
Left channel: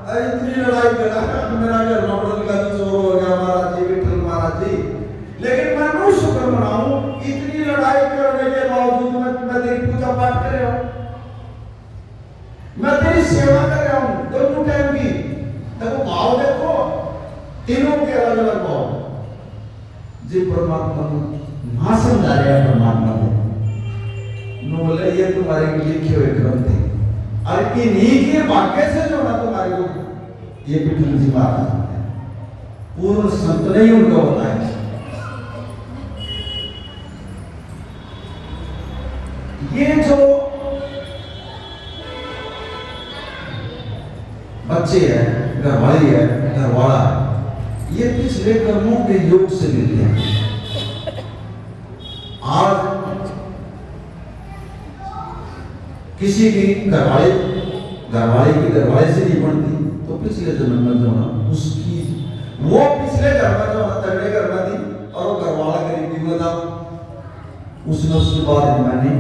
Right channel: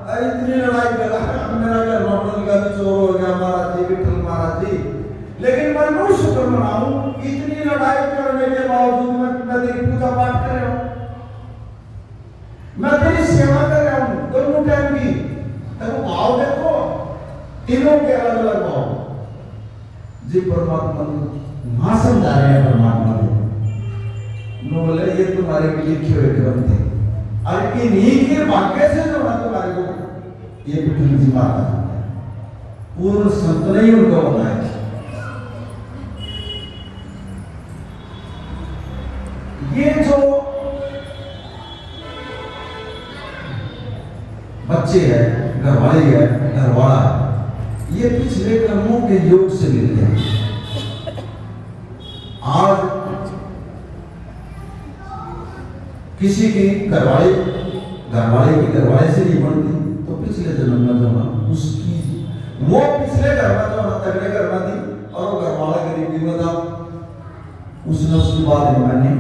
इतनी लड़ाई करा, मेरा घर नौकरी का भी चोर हो गया महाराज जी, विठल महाराज जी, लेकिन मैं नो शुक्र मनाऊं, इतनी लड़ाई करने के बावजूद मैं तेरी पूजा पाठ कर रहा हूं, मैं तेरी सेवा कर रहा हूं, दोनों टाइम की। देखो भाव देखो, तीनों के अलग अलग भाव। जी परमात्मा ना समझा रहे हैं, परमात्मा नो बोले ये तुम्हारे लिए लिखे हुए ग्रंथ है, और इन्हीं के भाग्य से जो है तुम्हारे को ये विठल जी महाराज पूर्ण संत नहीं उनका होता है। ये जो बच्चे हैं, घरवाली है, घरवाला, ये पिछले कर्मों के योग से मिलते हैं। आज किसी की घरवाले की घरवाले से नहीं बनती तो पिछले जन्म में जो है उसकी वो पिछले घर में जो है तगड़े घर में थी और घरवाला गरीबी में था, उसने उसकी बात नहीं मानी,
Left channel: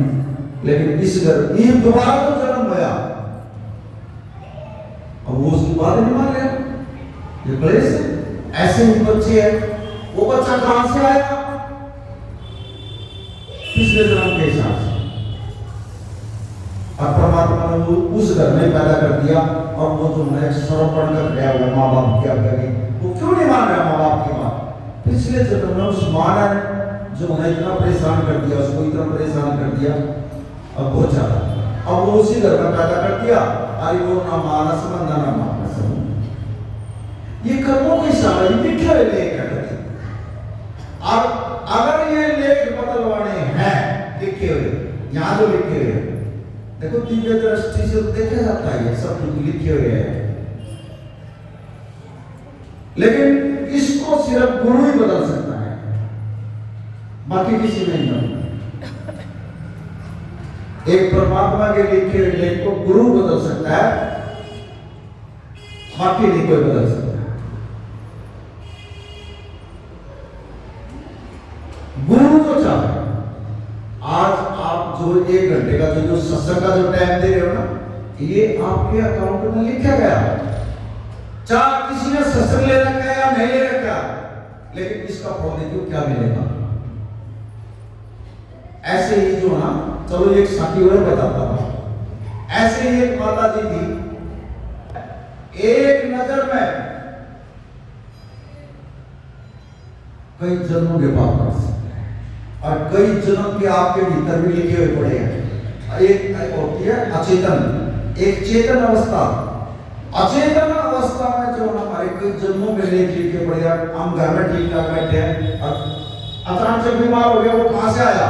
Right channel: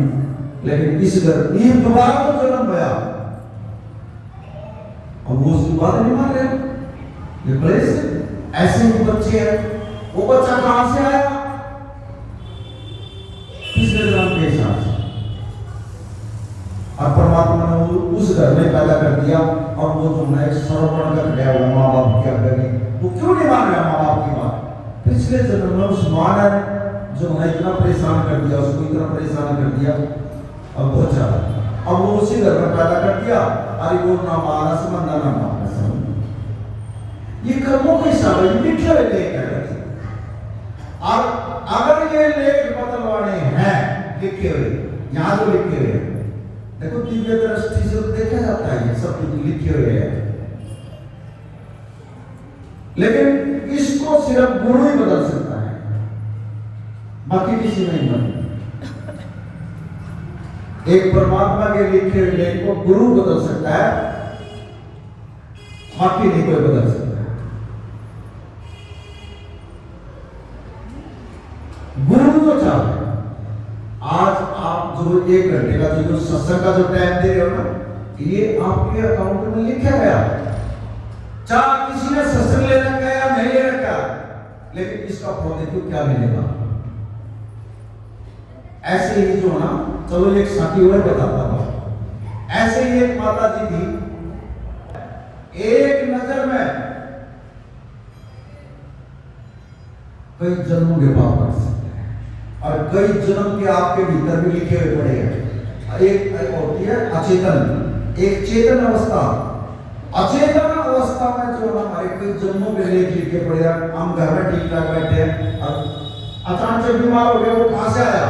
लेकिन इस घर ये दोबारा तो जन्म गया, अब वो उसकी बात नहीं मान रहे, ये क्लेश। ऐसे ही बच्चे हैं, वो बच्चा कहां से आया? पिछले जन्म के हिसाब से। अब परमात्मा ने उस घर में पैदा कर दिया, और वो जो है सर्वपण कर गया हुआ माँ बाप क्या करेंगे, वो क्यों नहीं मान रहा माँ बाप की बात? पिछले जन्म में उस माँ ने जो है इतना परेशान कर दिया, उसको इतना परेशान कर दिया, अब बहुत ज्यादा, अब वो उसी घर में पैदा कर दिया, अरे वो ना माना समझना ना माना समझ। ये कर्मों के हिसाब से लिखे हुए लेख है। और अगर ये लेख बदलवाने हैं लिखे हुए, यहाँ जो लिखे हुए देखो दिव्य दृष्टि से देखा जाता है, ये सब कुछ लिखे हुए हैं, लेकिन इसको सिर्फ गुरु ही बदल सकता है, बाकी किसी नहीं बदल। एक परमात्मा के लिखे हुए लेख को गुरु बदल सकता है, बाकी नहीं कोई बदल सकता है। गुरु जो चाहे, आज आप जो 1 घंटे का जो सत्संग का जो टाइम दे रहे हो ना, ये आपके अकाउंट में लिखा गया, चाहे किसी ने सत्संग ले रखा है या नहीं ले रखा, लेकिन इसका फल देखो क्या मिलेगा। ऐसे ही जो ना, चलो एक साथी और बताता हूं, ऐसे ही एक माता जी थी, एक नजर में कई जन्मों के पाप कर सकते हैं, और कई जन्म के आपके भीतर भी लिखे हुए पड़े हैं। एक होती है अचेतन, एक चेतन अवस्था। अचेतन अवस्था में जो हमारे कई जन्मों के लेख लिखे पड़े हैं, हम घर में ठीक ठाक बैठे हैं, अचानक से बीमार हो गए, वो कहां से आया?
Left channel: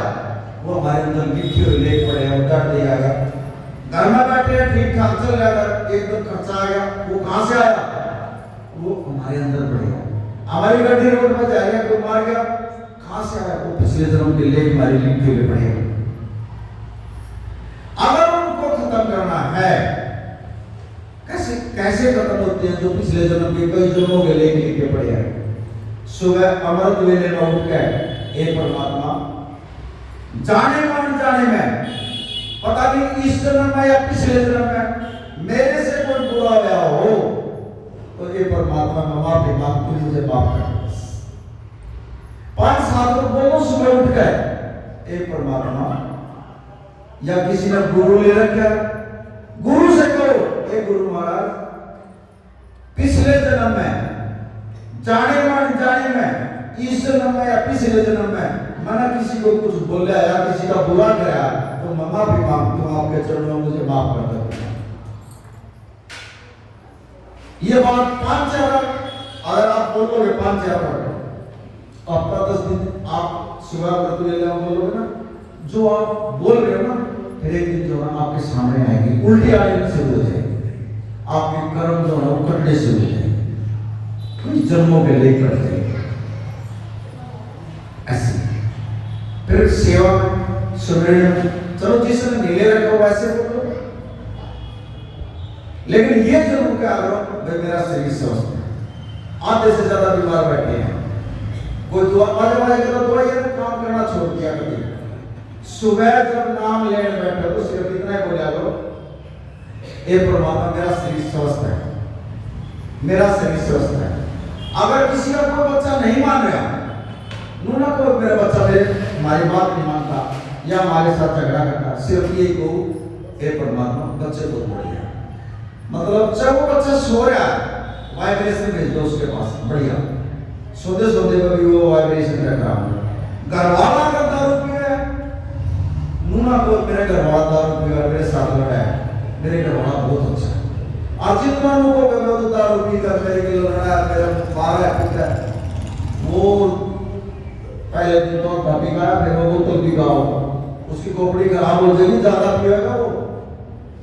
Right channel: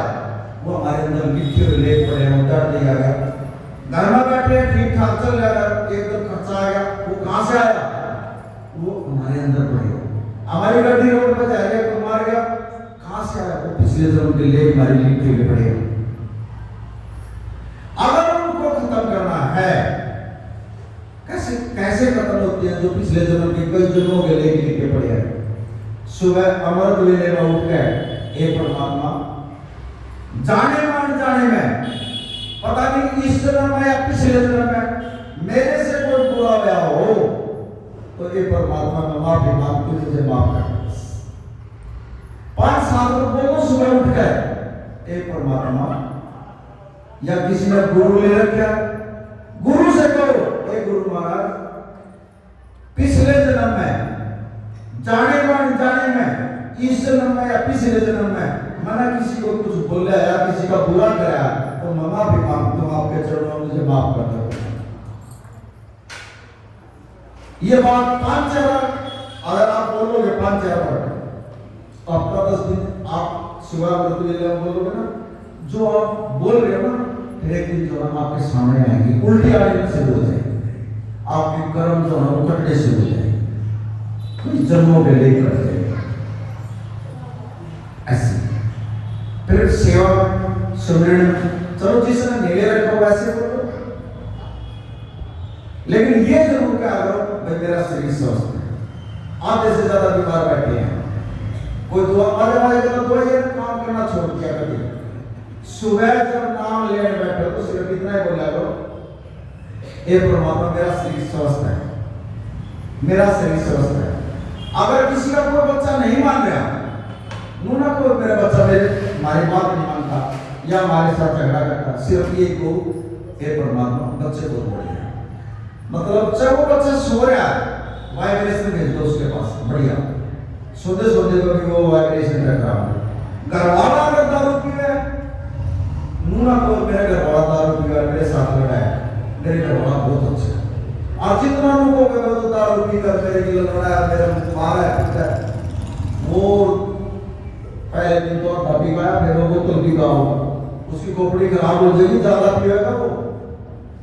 वो हमारे अंदर लिखे हुए लेख पड़े हैं, डर नहीं आएगा। घर में बैठे ठीक ठाक चल रहा है, एकदम खर्चा आएगा, वो कहां से आया? वो हमारे अंदर पड़ेगा। हमारी गड्डी रोड पर जाएगा, कोई मार गया, कहां से आया? वो पिछले जन्म के लेख हमारे लिखे हुए पड़े हैं। अगर उनको खत्म करना है, कैसे खत्म होते हैं? जो पिछले जन्म के कई जन्मों के लेख लिखे पड़े हैं। सुबह अमृत वेले में उठकर हे परमात्मा, जाने में अनजाने में, पता नहीं इस जन्म में या पिछले जन्म में मेरे से कोई बुरा व्याह हो, तो ये परमात्मा का माफी मांग, तू मुझे माफ कर। 5 साल को बोलो सुबह उठकर, हे परमात्मा, या किसी ने गुरु ले रखा, गुरु से कहो, हे गुरु महाराज, पिछले जन्म में, जाने में अनजाने में, इस जन्म में या पिछले जन्म में मैंने किसी को कुछ बोला या किसी का बुरा कराया, तो तो मैं माफी मांगता हूं आपके चरणों में, मुझे माफ कर दो। ये बात 5,000 अगर आप बोलोगे 5,000 आपका 10 दिन आप सुबह व्रत बोलोगे ना, जो आप बोल रहे हो ना, फिर एक दिन जो है आपके सामने आएंगे, उल्टी आने से हो जाएगी, आपके कर्म जो है वो कटने से हो जाएंगे, कुछ जन्मों में लेकर जाएंगे ऐसे। फिर सेवा सुमिरन, चलो जिसने नीले रखा वैसे बोलो, लेकिन ये जरूर क्या करो भाई मेरा शरीर स्वस्थ है। आधे से ज्यादा बीमार बैठे हैं, कोई दुआ आधे तो दुआ ये काम करना छोड़ दिया कभी। सुबह जब नाम लेने बैठे तो सिर्फ इतना ही बोला करो, हे परमात्मा मेरा शरीर स्वस्थ है, मेरा शरीर स्वस्थ है। अगर किसी का कोई बच्चा नहीं मान रहा, नू ना कोई मेरा बच्चा हमारी बात नहीं मानता या हमारे साथ झगड़ा करता, सिर्फ ये को हे परमात्मा बच्चे को बढ़िया, मतलब चाहे वो बच्चा सो रहा है वाइब्रेशन भेज दो उसके पास, बढ़िया सोते सोते कभी वो वाइब्रेशन का काम है। घर वाला अगर दारू पिया है, नू ना कोई मेरे घर वाला दारू पिया है, मेरे साथ लड़ा है, मेरे घर वाला बहुत अच्छा है। आज जितना लोगों को मैं तो दारू पी कर मेरे के लड़ा है, मेरे मार है पिता है, वो पहले दिन तो भाभी का फिर वो बोतल पी गाओ, उसकी खोपड़ी खराब हो जाएगी, ज्यादा पिएगा वो।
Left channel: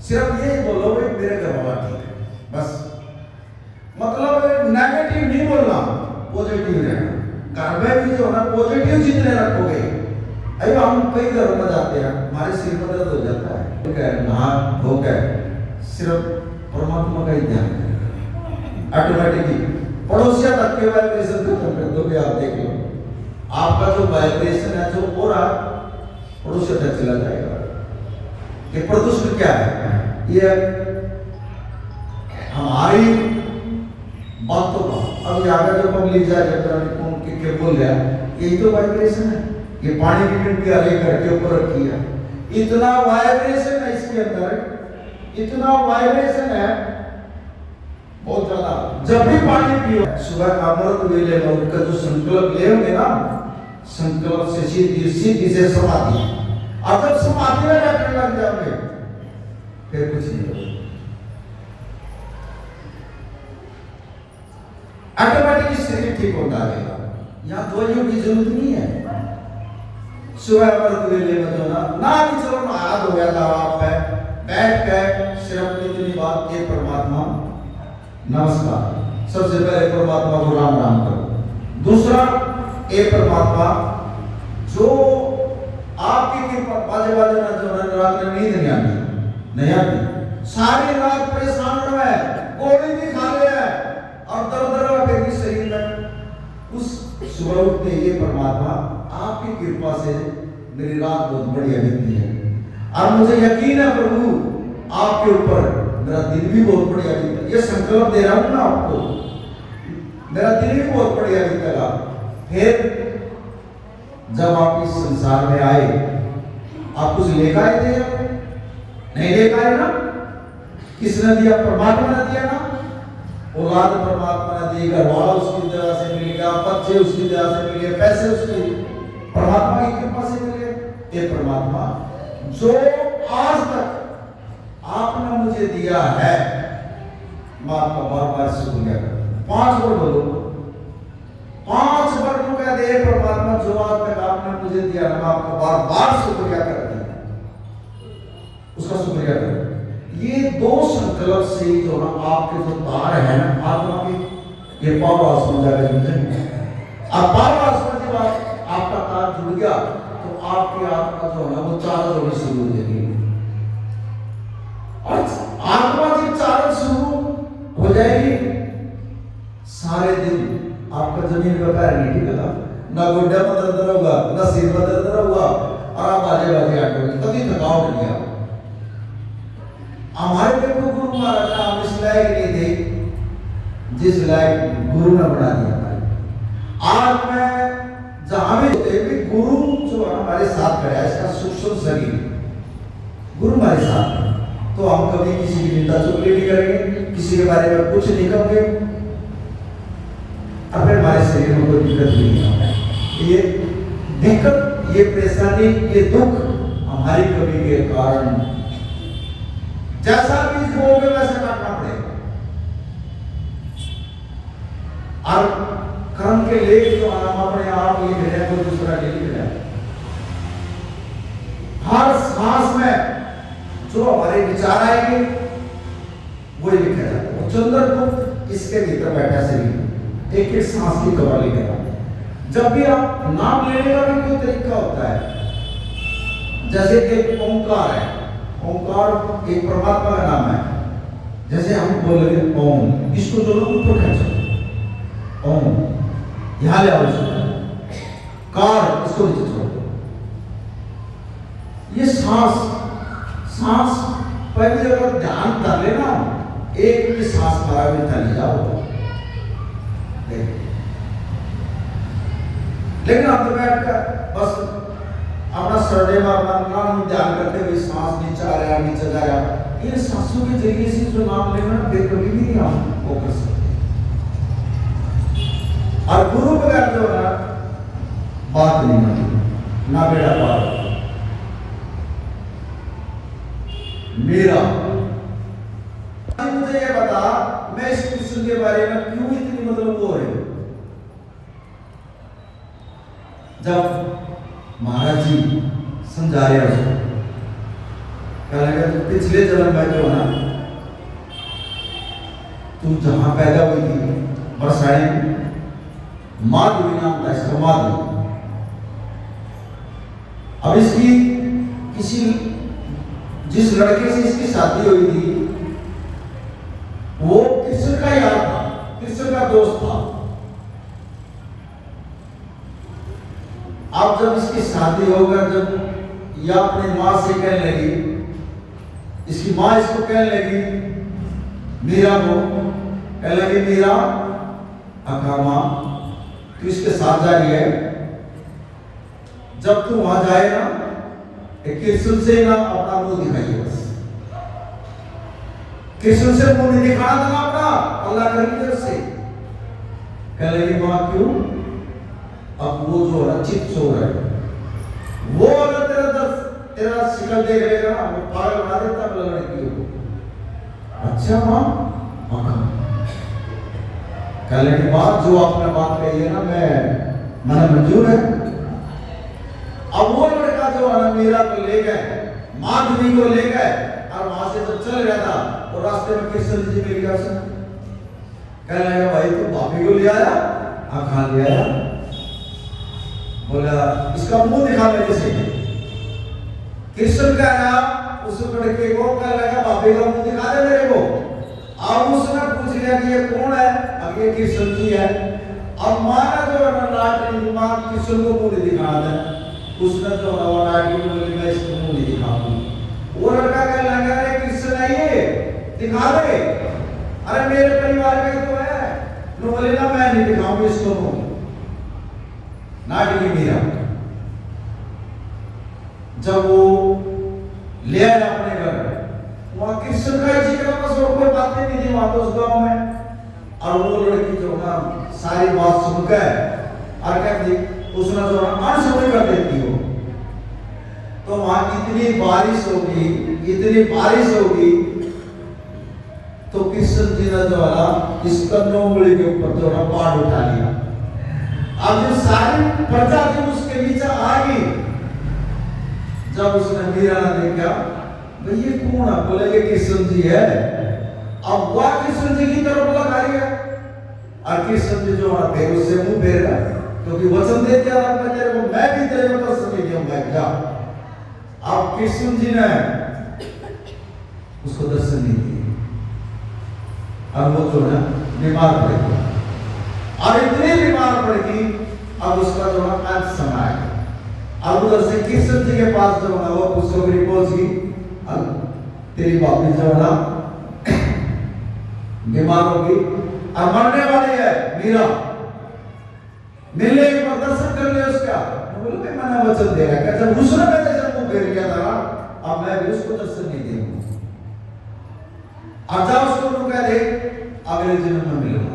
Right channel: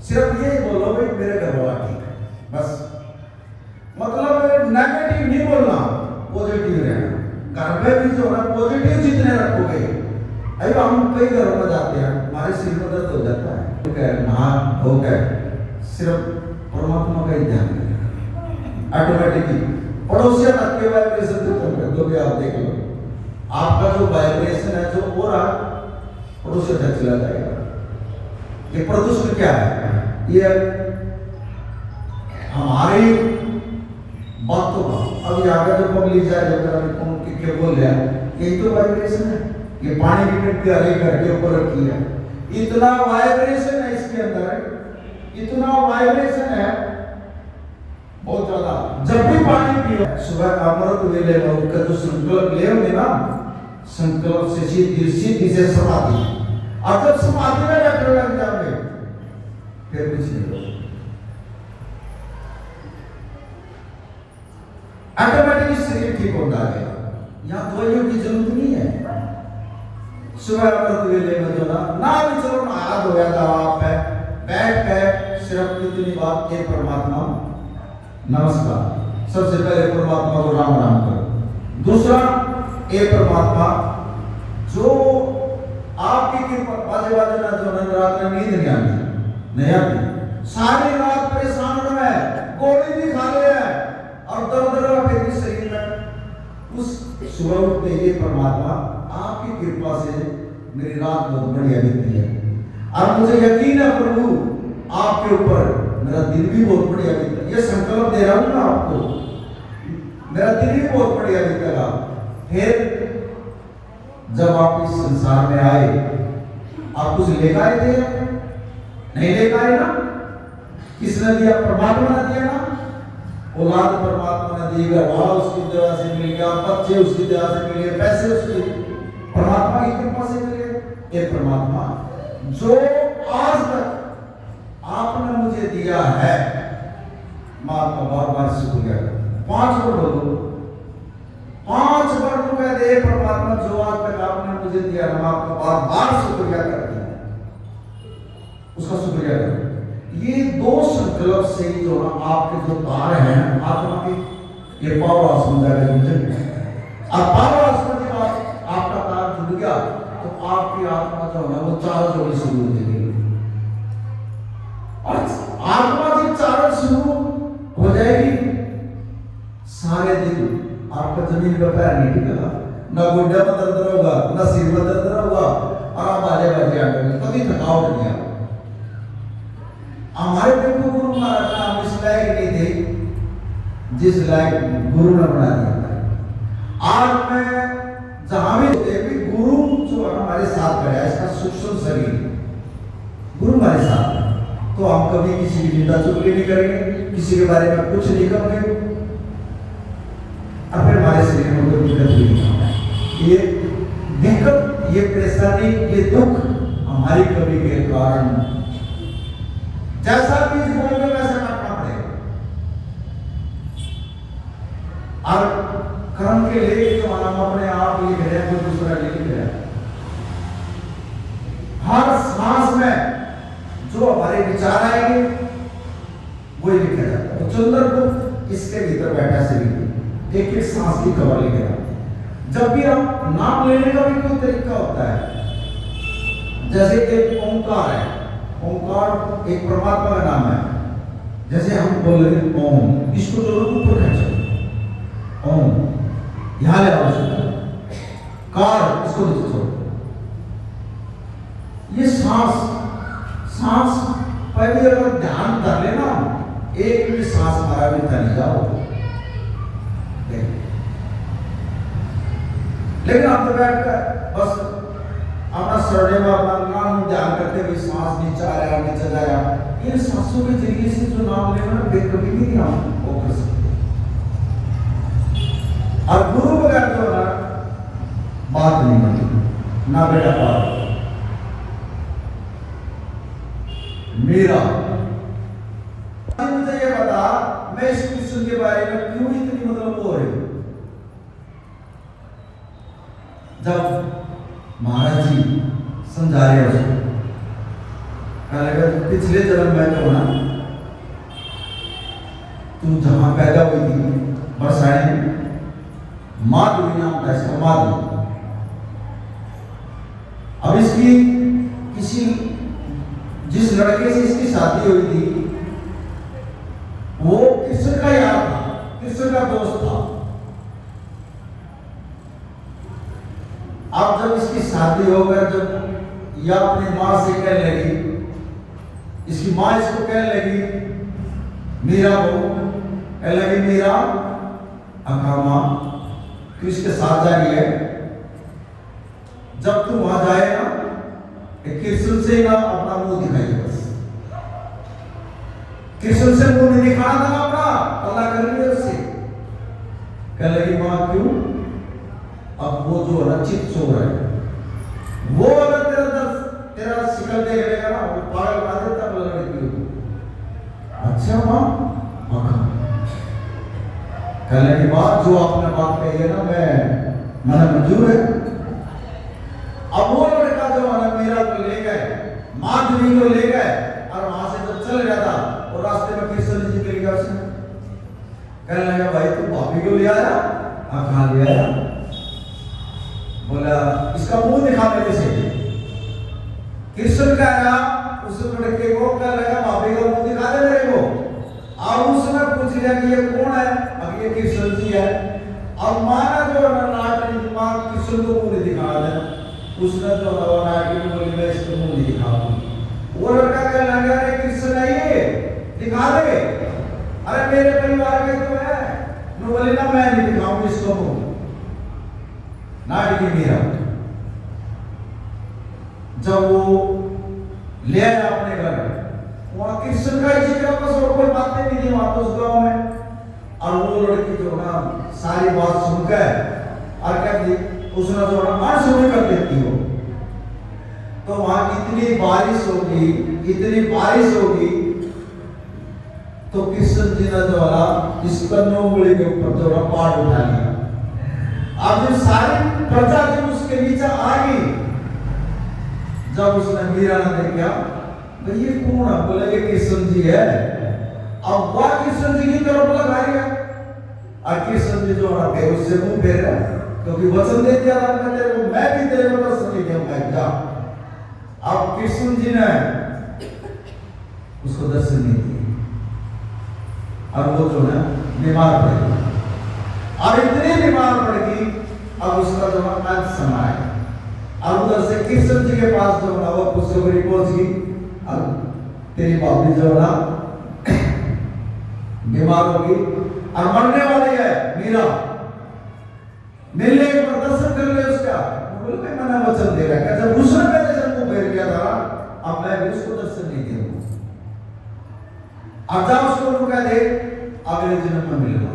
सिर्फ ये बोलो भाई मेरे घर वाला ठीक है, बस मतलब नेगेटिव नहीं बोलना, पॉजिटिव रहना। घर में भी जो है ना पॉजिटिव जितने रखोगे, अरे हम कई घरों में जाते हैं हमारे सिर में दर्द हो जाता है, नहा धोकर सिर्फ परमात्मा का ही ध्यान करें, ऑटोमेटिकली पड़ोसिया तक के वाइब्रेशन खत्म कर दोगे। आप देख लो आपका जो वाइब्रेशन है, जो हो रहा पड़ोसिया तक चला जाएगा। ये प्रदूषण क्या है? ये हमारी बातों का अभी आगे जो पब्लिक जाए जब कौन के बोल रहा है, यही तो वाइब्रेशन है। ये पानी की टंकी हरे करके ऊपर रखी है, इतना वाइब्रेशन है इसके अंदर, इतना वाइब्रेशन है बहुत ज्यादा। जब भी पानी पियो सुबह का अमृत वेले में उनका जो संकल्प ले होंगे ना, संकल्प से सीधी से समाधि, और जब समाधि में बैठने लग जाओगे फिर कुछ नहीं होगा, ऑटोमेटिकली शरीर ठीक होता जाएगा। यहाँ दवाइयों की जरूरत नहीं है। सुबह अमृत वेले में जो ना भी चलो ना हाथ हो गया दवा पे बैठ के सिर्फ इतनी बात, ये परमात्मा नमस्कार, सबसे पहले परमात्मा को राम राम करो। दूसरा ये परमात्मा जो आपकी कृपा बाजे बाजे ना जो रात में नींद नहीं आती, सारी रात परेशान हो रहा है, गोली भी खा लिया है और दर्द फिर भी शरीर में, उस सुबह उठते ये परमात्मा आपकी कृपा से मेरी रात बहुत बढ़िया बीती है, और मुझे यकीन है प्रभु आपके ऊपर मेरा दिन भी बहुत बढ़िया बीता। ये संकल्प दे रहा हूं ना आपको, मेरा दिन भी बहुत बढ़िया बीतेगा। फिर जब आप इस संसार में आए, आप कुछ लेकर आए थे? नहीं लेकर आए ना? किसने दिया? परमात्मा ने दिया ना। औलाद परमात्मा ने दी, घर वाला उसकी दया से मिल गया, बच्चे उसकी दया से मिल गए, पैसे उसकी परमात्मा की कृपा से मिल गए। ये परमात्मा जो आज तक आपने मुझे दिया है, मैं आपका बार बार शुक्रिया करता हूं। 5 बार बोलो, 5 बार तो कह दे परमात्मा जो आज तक आपने मुझे दिया, मैं आपका बार बार शुक्रिया करती हूं, उसका शुक्रिया करो। ये 2 संकल्प से ही जो आपके जो तार हैं आत्मा के, ये पावर हाउस में जाकर जुड़ेंगे। अब पावर हाउस में जब आपका तार जुड़ गया तो आपकी आत्मा जो है वो चारों जोड़ी शुरू हो जाएगी, और आत्मा जब चारों शुरू हो जाएगी, सारे दिन आपका जमीन का पैर नहीं टिकेगा, ना गोड्डा में दर्द होगा, ना सिर में दर्द होगा, और आप बाजे बाजे आटोगे, कभी थकावट नहीं आएगी। हमारे पे गुरु महाराज ने हम इस लायक नहीं थे जिस लायक गुरु ने बना दिया। आज मैं जहां भी होते भी गुरु जो हमारे साथ करे, इसका सूक्ष्म शरीर गुरु हमारे साथ है, तो हम कभी किसी की निंदा चुगली नहीं करेंगे, किसी के बारे में कुछ नहीं करेंगे, और फिर हमारे शरीर में कोई दिक्कत भी नहीं होगा। ये दिक्कत, ये परेशानी, ये दुख हमारी कमी के कारण जैसा बीज बोओगे वैसे काटना पड़ेगा। और कर्म के लेख जो हम अपने आप लिख रहे हैं, कोई दूसरा लिख रहा है। हर सांस में जो हमारे विचार आएंगे वही लिखा जाता है। चंद्र को इसके भीतर बैठा से भी एक एक सांस की खबर लिखेगा। जब भी आप नाम लेने का भी कोई तरीका होता है, जैसे एक ओंकार है, ओंकार एक परमात्मा का नाम है। जैसे हम बोल रहे ओम, इसको जो लोग ऊपर खेचो, ओम यहां ले आओ, कार इसको नीचे छोड़ो। ये सांस पहले अगर ध्यान कर लेना, एक भी सांस मारा भी चली जाओ। लेकिन आप तो बैठकर बस अपना सर्वे में अपना नाम ध्यान करते हुए सांस नीचे आ रहा है, नीचे जा रहा है। इन सांसों के जरिए से जो नाम लेना बेकभी भी नहीं हम वो कर सकते। और गुरु बगैर जो है बात नहीं बनती, ना बेटा पार। मेरा मुझे ये बता, मैं इस कृष्ण के बारे में क्यों इतनी मतलब वो रही। जब महाराज जी समझा रहे उसको, कहने लगा पिछले जन्म में जो ना तू जहां पैदा हुई थी बरसाने में, माधुरी नाम था इसका, माधुरी। अब इसकी किसी जिस लड़के से इसकी शादी हुई थी वो कृष्ण का यार था, कृष्ण का दोस्त था। अब जब इसकी शादी हो गई, जब यह अपनी मां से कहने लगी, इसकी मां इसको कहने लगी, मीरा को कहने लगी, मीरा अकामा तू इसके साथ जा रही है, जब तू वहां जाए ना कृष्ण से ना अपना मुंह दिखाइए। बस कृष्ण से मुंह नहीं दिखाना था अपना, अल्लाह कर लिया उससे। कह लगी मां क्यों? अब वो जो है चित सो रहा है, वो अगर तेरा शिकल देख लेगा ना, वो पागल बना देता लड़की को। अच्छा मां कहने की बात जो आपने बात कही है ना, मैंने मंजूर है। अब वो लड़का जो है ना मीरा को ले गए, माधुरी को ले गए, और वहां से जब चल रहा था और रास्ते में कृष्ण जी मिल गया उसने। कहने लगा भाई तू भाभी को ले आया? हाँ कहाँ ले आया? बोला इसका मुंह दिखा मेरे से। कृष्ण का नाम उस लड़के को कहने लगा भाभी का मुंह दिखा दे मेरे को। अब उसने पूछ लिया कि ये कौन है? अब ये कृष्ण जी है। अब माना जो नाटक मां कृष्ण को मुंह दिखा दे, उसने जो नाटक बोली मैं इसको मुंह नहीं दिखाऊंगी। वो लड़का कहने लगा अरे कृष्ण है ये, दिखा दे। अरे मेरे परिवार में तो है। नो बोले ना मैं नहीं दिखाऊंगी इसको मुंह। नाटकी मेरा जब वो ले आया अपने घर, वहां कृष्ण का ही जिक्र बस और कोई बातें नहीं थी वहां तो उस गांव में। और वो लड़की जो ना सारी बात सुनकर और कहती उसने जो अनसुनी कर देती हो। तो वहां इतनी बारिश होगी, इतनी बारिश होगी, तो कृष्ण जी ने जो है इस कन्नौमुड़ी के ऊपर जो है पहाड़ उठा लिया। अब जो सारी प्रजा जब उसके नीचे आ गई, जब उसने मीरा ने देखा भाई ये कौन है? बोले ये कृष्ण जी है। अब वह कृष्ण जी की तरफ लगाएगा और कृष्ण जी जो है फिर उससे मुंह फेर रहा है, क्योंकि वचन दे दिया था मैं तेरे को, मैं भी तेरे को दर्शन दे दूंगा जा। अब कृष्ण जी ने उसको दर्शन नहीं दिया। अब वो जो है बीमार पड़ गया, और इतनी बीमार पड़ गई अब उसका जो है मन समाएगा। अब उधर से कृष्ण जी के पास जो है वो उसको रिपोर्ट की, अब तेरी भाभी जो है बीमार हो गई और मरने वाली है मीरा, मिलने एक बार दर्शन कर ले उसका। बोले मैंने वचन दे रहा है, जब उसने मेरे से मुंह फेर किया था अब मैं भी उसको दर्शन नहीं दूंगा। अब जब उसको रुका दे अगले जन्म में मिलूंगा।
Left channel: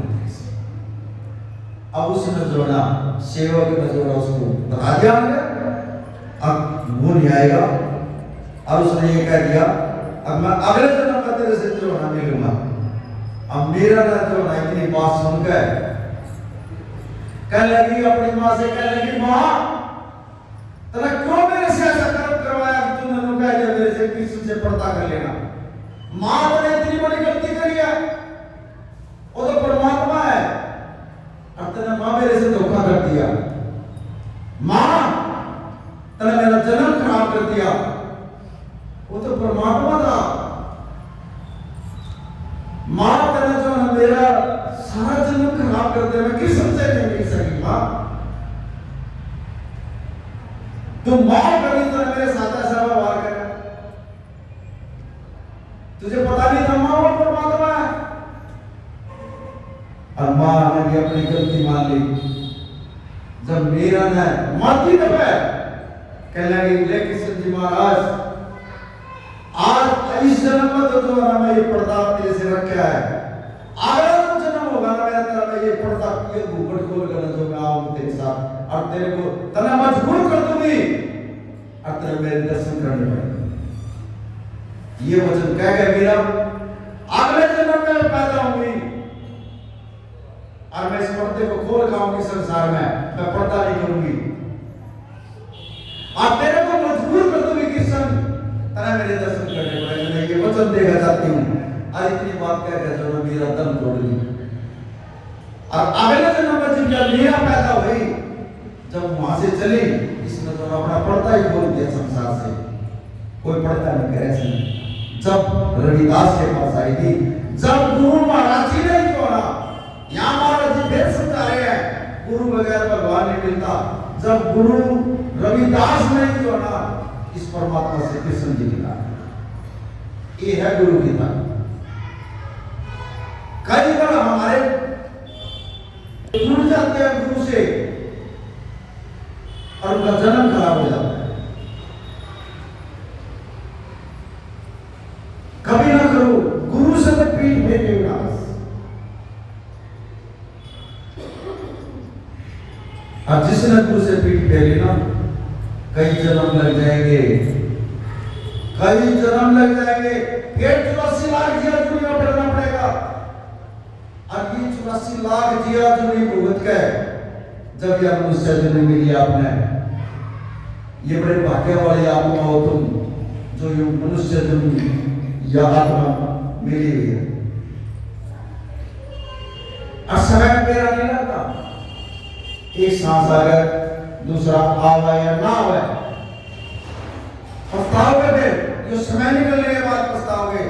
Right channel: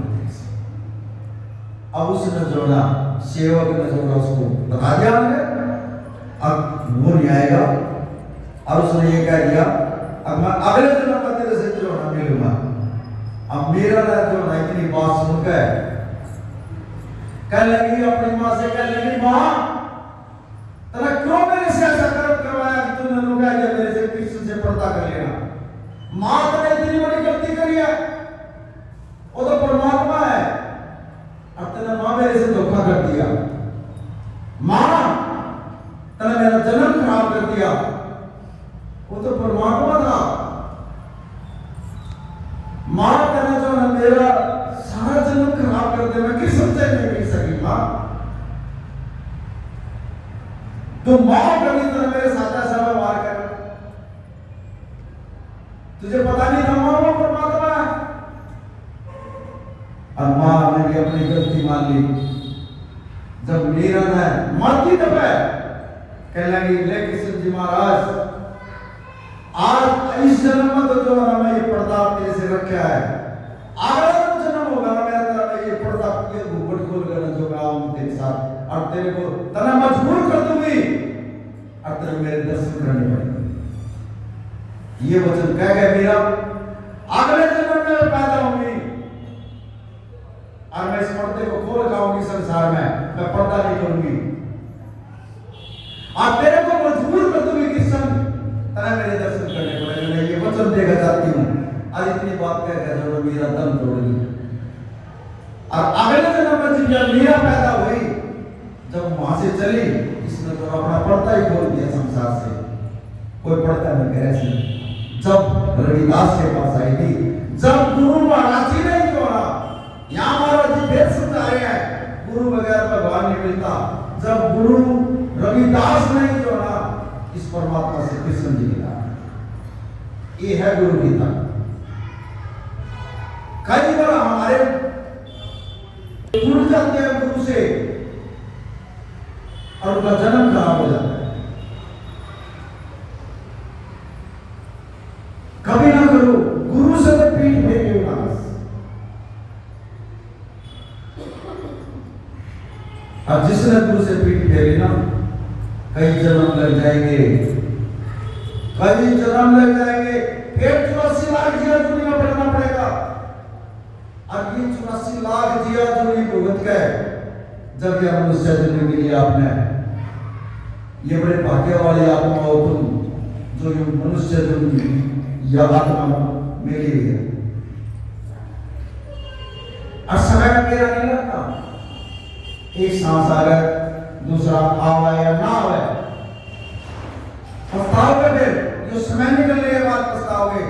अब उसने जोड़ा सेवक ने जोड़ा उसको बता दिया, अब वो नहीं आएगा और उसने ये कह दिया अब मैं अगले जन्म में तेरे से जो ना मिलूंगा। अब मेरा ना जो ना इतनी बात सुन के कह लगी अपनी माँ से, कह लगी माँ तने क्यों मेरे से ऐसा कर्म करवाया कि तूने कह दिया मेरे से कृष्ण से पर्दा कर लेना। माँ तने इतनी बड़ी गलती करी है, वो तो परमात्मा है, अब तने माँ मेरे से धोखा कर दिया। माँ तने मेरा जन्म खराब कर दिया, वो तो परमात्मा था। माँ तने जो है मेरा सारा जन्म खराब कर दिया, मैं कृष्ण से नहीं मिल सकी। माँ तो माँ कभी तरह मेरे साथ ऐसा व्यवहार करे, तुझे पता नहीं था माँ वो परमात्मा है। और माँ ने भी अपनी गलती मान ली। जब मेरा न माती दबे कहने लगी ले कृष्ण जी महाराज आज इस जन्म में तो जो है ना मैं ये पर्दा तेरे से रखा है, अगला जो जन्म होगा ना मेरा तेरा मैं ये पर्दा ये घूंघट खोल कर जो मैं आऊंगा तेरे साथ और तेरे को तना मजबूर कर दूंगी और तेरे मेरे दर्शन करने पड़ेंगे। ये वचन कह गए मेरा अगले जन्म में पैदा होंगी और मैं इस पर्दे को खोल खाऊंगी संसार में, मैं पर्दा नहीं करूंगी और तेरे को मजबूर कर दूंगी कृष्ण तना मेरे दर्शन करने पड़ेंगे। मैं ये वचन देकर जाती हूँ और इतनी बात कहकर जरूर मेरा दम तोड़ ली। और अगले जन्म में जब मीरा पैदा हुई, जब वहां से चली, इसने तो अपना पर्दा ही खोल दिया संसार से, कोई पर्दा नहीं करे ऐसे। जब रविदास के पास आई थी, जब गुरु महाराज जी ने जो ना यहाँ महाराज जी भेद समझा रहे हैं गुरु बगैर भगवान नहीं मिलता, जब गुरु रविदास ने जो ना इस परमात्मा से कृष्ण जी मिला, ये है गुरु गीता। कई बार हमारे जुड़ जाते हैं गुरु से और उनका जन्म खराब हो जाता है। कभी ना करो गुरु से तो पीठ फेंके ना बस। अब जिसने गुरु से पीठ फेरी ना कई जन्म लग जाएंगे, कई जन्म लग जाएंगे, फिर 84 लाख जिया दुनिया पढ़ना पड़ेगा। और ये 84 लाख जिया जुनी भुगत के जब यह मनुष्य जन्म मिली आपने, ये बड़े भाग्य वाले आत्मा हो तुम जो ये मनुष्य जन्म यह आत्मा मिली हुई है। और समय का मेरा नहीं लगता, एक सांस आ गया दूसरा आवा या ना आवे, पछताओगे फिर जो समय निकलने के बाद पछताओगे।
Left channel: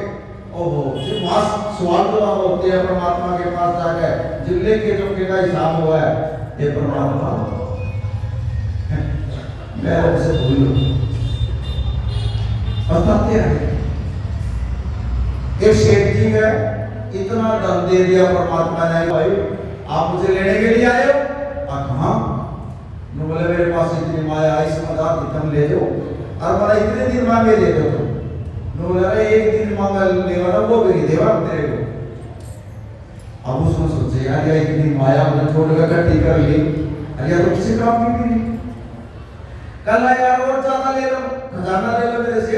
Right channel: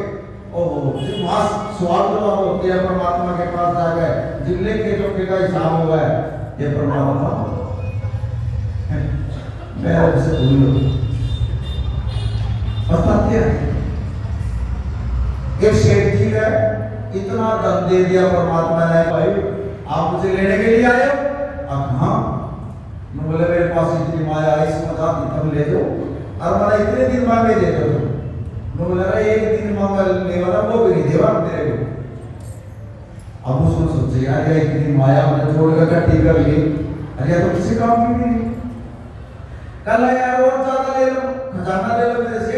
ओहो जिस मास सवाल तो होते हैं परमात्मा के पास जाकर जिले के जो का हिसाब हुआ है ये परमात्मा मैं उसे भूल लो पछताते हैं। एक शेख जी है इतना धन दे दिया परमात्मा ने, भाई आप मुझे लेने के लिए आए हो? हाँ बोले मेरे पास इतनी माया है, इस मदद तुम ले दो और मैंने इतने दिन मांगे दे दो तुम। बोले अरे एक दिन मांगा लेगा ना वो भी नहीं देगा तेरे को। अब उसको सोचे यार या इतनी माया मैंने छोड़कर इकट्ठी कर ली, अरे तो किसी काम की भी नहीं। कल यार और ज्यादा ले लो, खजाना ले लो मेरे से,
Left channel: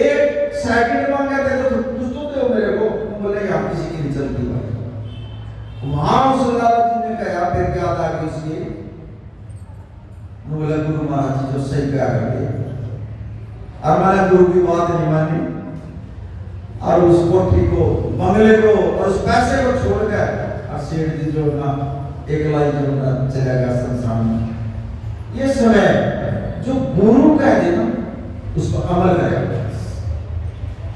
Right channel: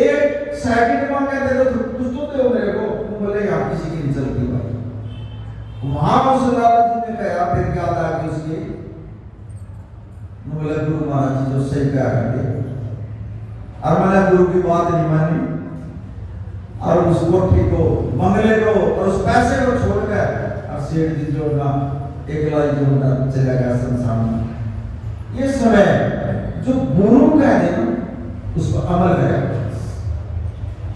एक सेकंड मांगा दे दो कुछ तो दो मेरे को। बोले आप किसी की नहीं चलती भाई। वहां उस लालच ने कहा फिर क्या था कि उसके बोले गुरु महाराज जी जो सही कहा करते, और मैंने गुरु की बात नहीं मानी और उस कोठी को बंगले को और उस पैसे को छोड़कर और सेठ जी जो ना एक लाई जो ना चला गया संसार में। ये समय जो गुरु कह दे ना उस पर अमल करेगा,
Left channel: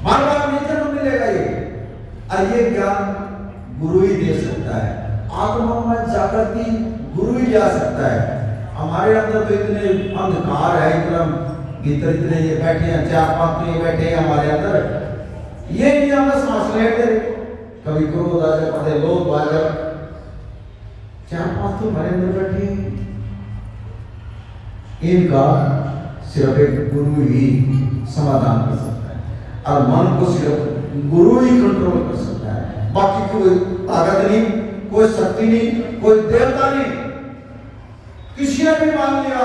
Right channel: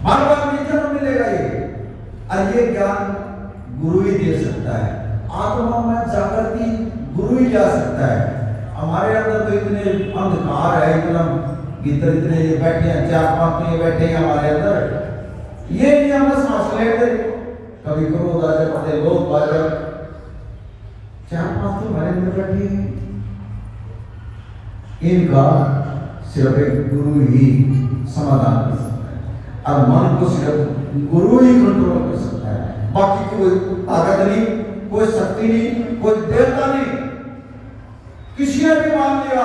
बार बार नहीं जन्म मिलेगा ये। और ये ज्ञान गुरु ही दे सकता है, आत्मा में जागृति गुरु ही ला सकता है। हमारे अंदर तो इतने अंधकार है, इतना भीतर इतने ये बैठे हैं, 4-5 ये बैठे हैं हमारे अंदर, ये नहीं हमें सांस लेते, कभी क्रोध आ जाए, कभी लोभ आ जाए, 4-5 तो हमारे अंदर बैठे हैं। इनका सिर्फ एक गुरु ही समाधान कर सकता है और मन को सिर्फ गुरु ही कंट्रोल कर सकता है। बाकी कोई ताकत नहीं, कोई शक्ति नहीं, कोई देवता नहीं, किसी ने भी मान लिया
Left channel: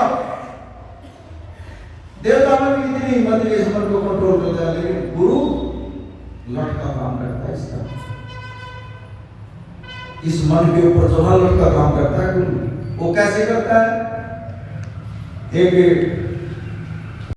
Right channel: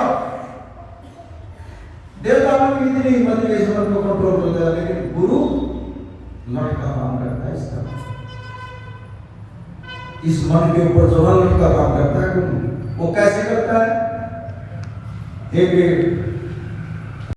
देवता में भी इतनी हिम्मत है इस मन को कंट्रोल होता है, लेकिन गुरु लट का काम करता है इसका। इस मन के ऊपर जो लट का काम करता है गुरु, वो कैसे करता है? एक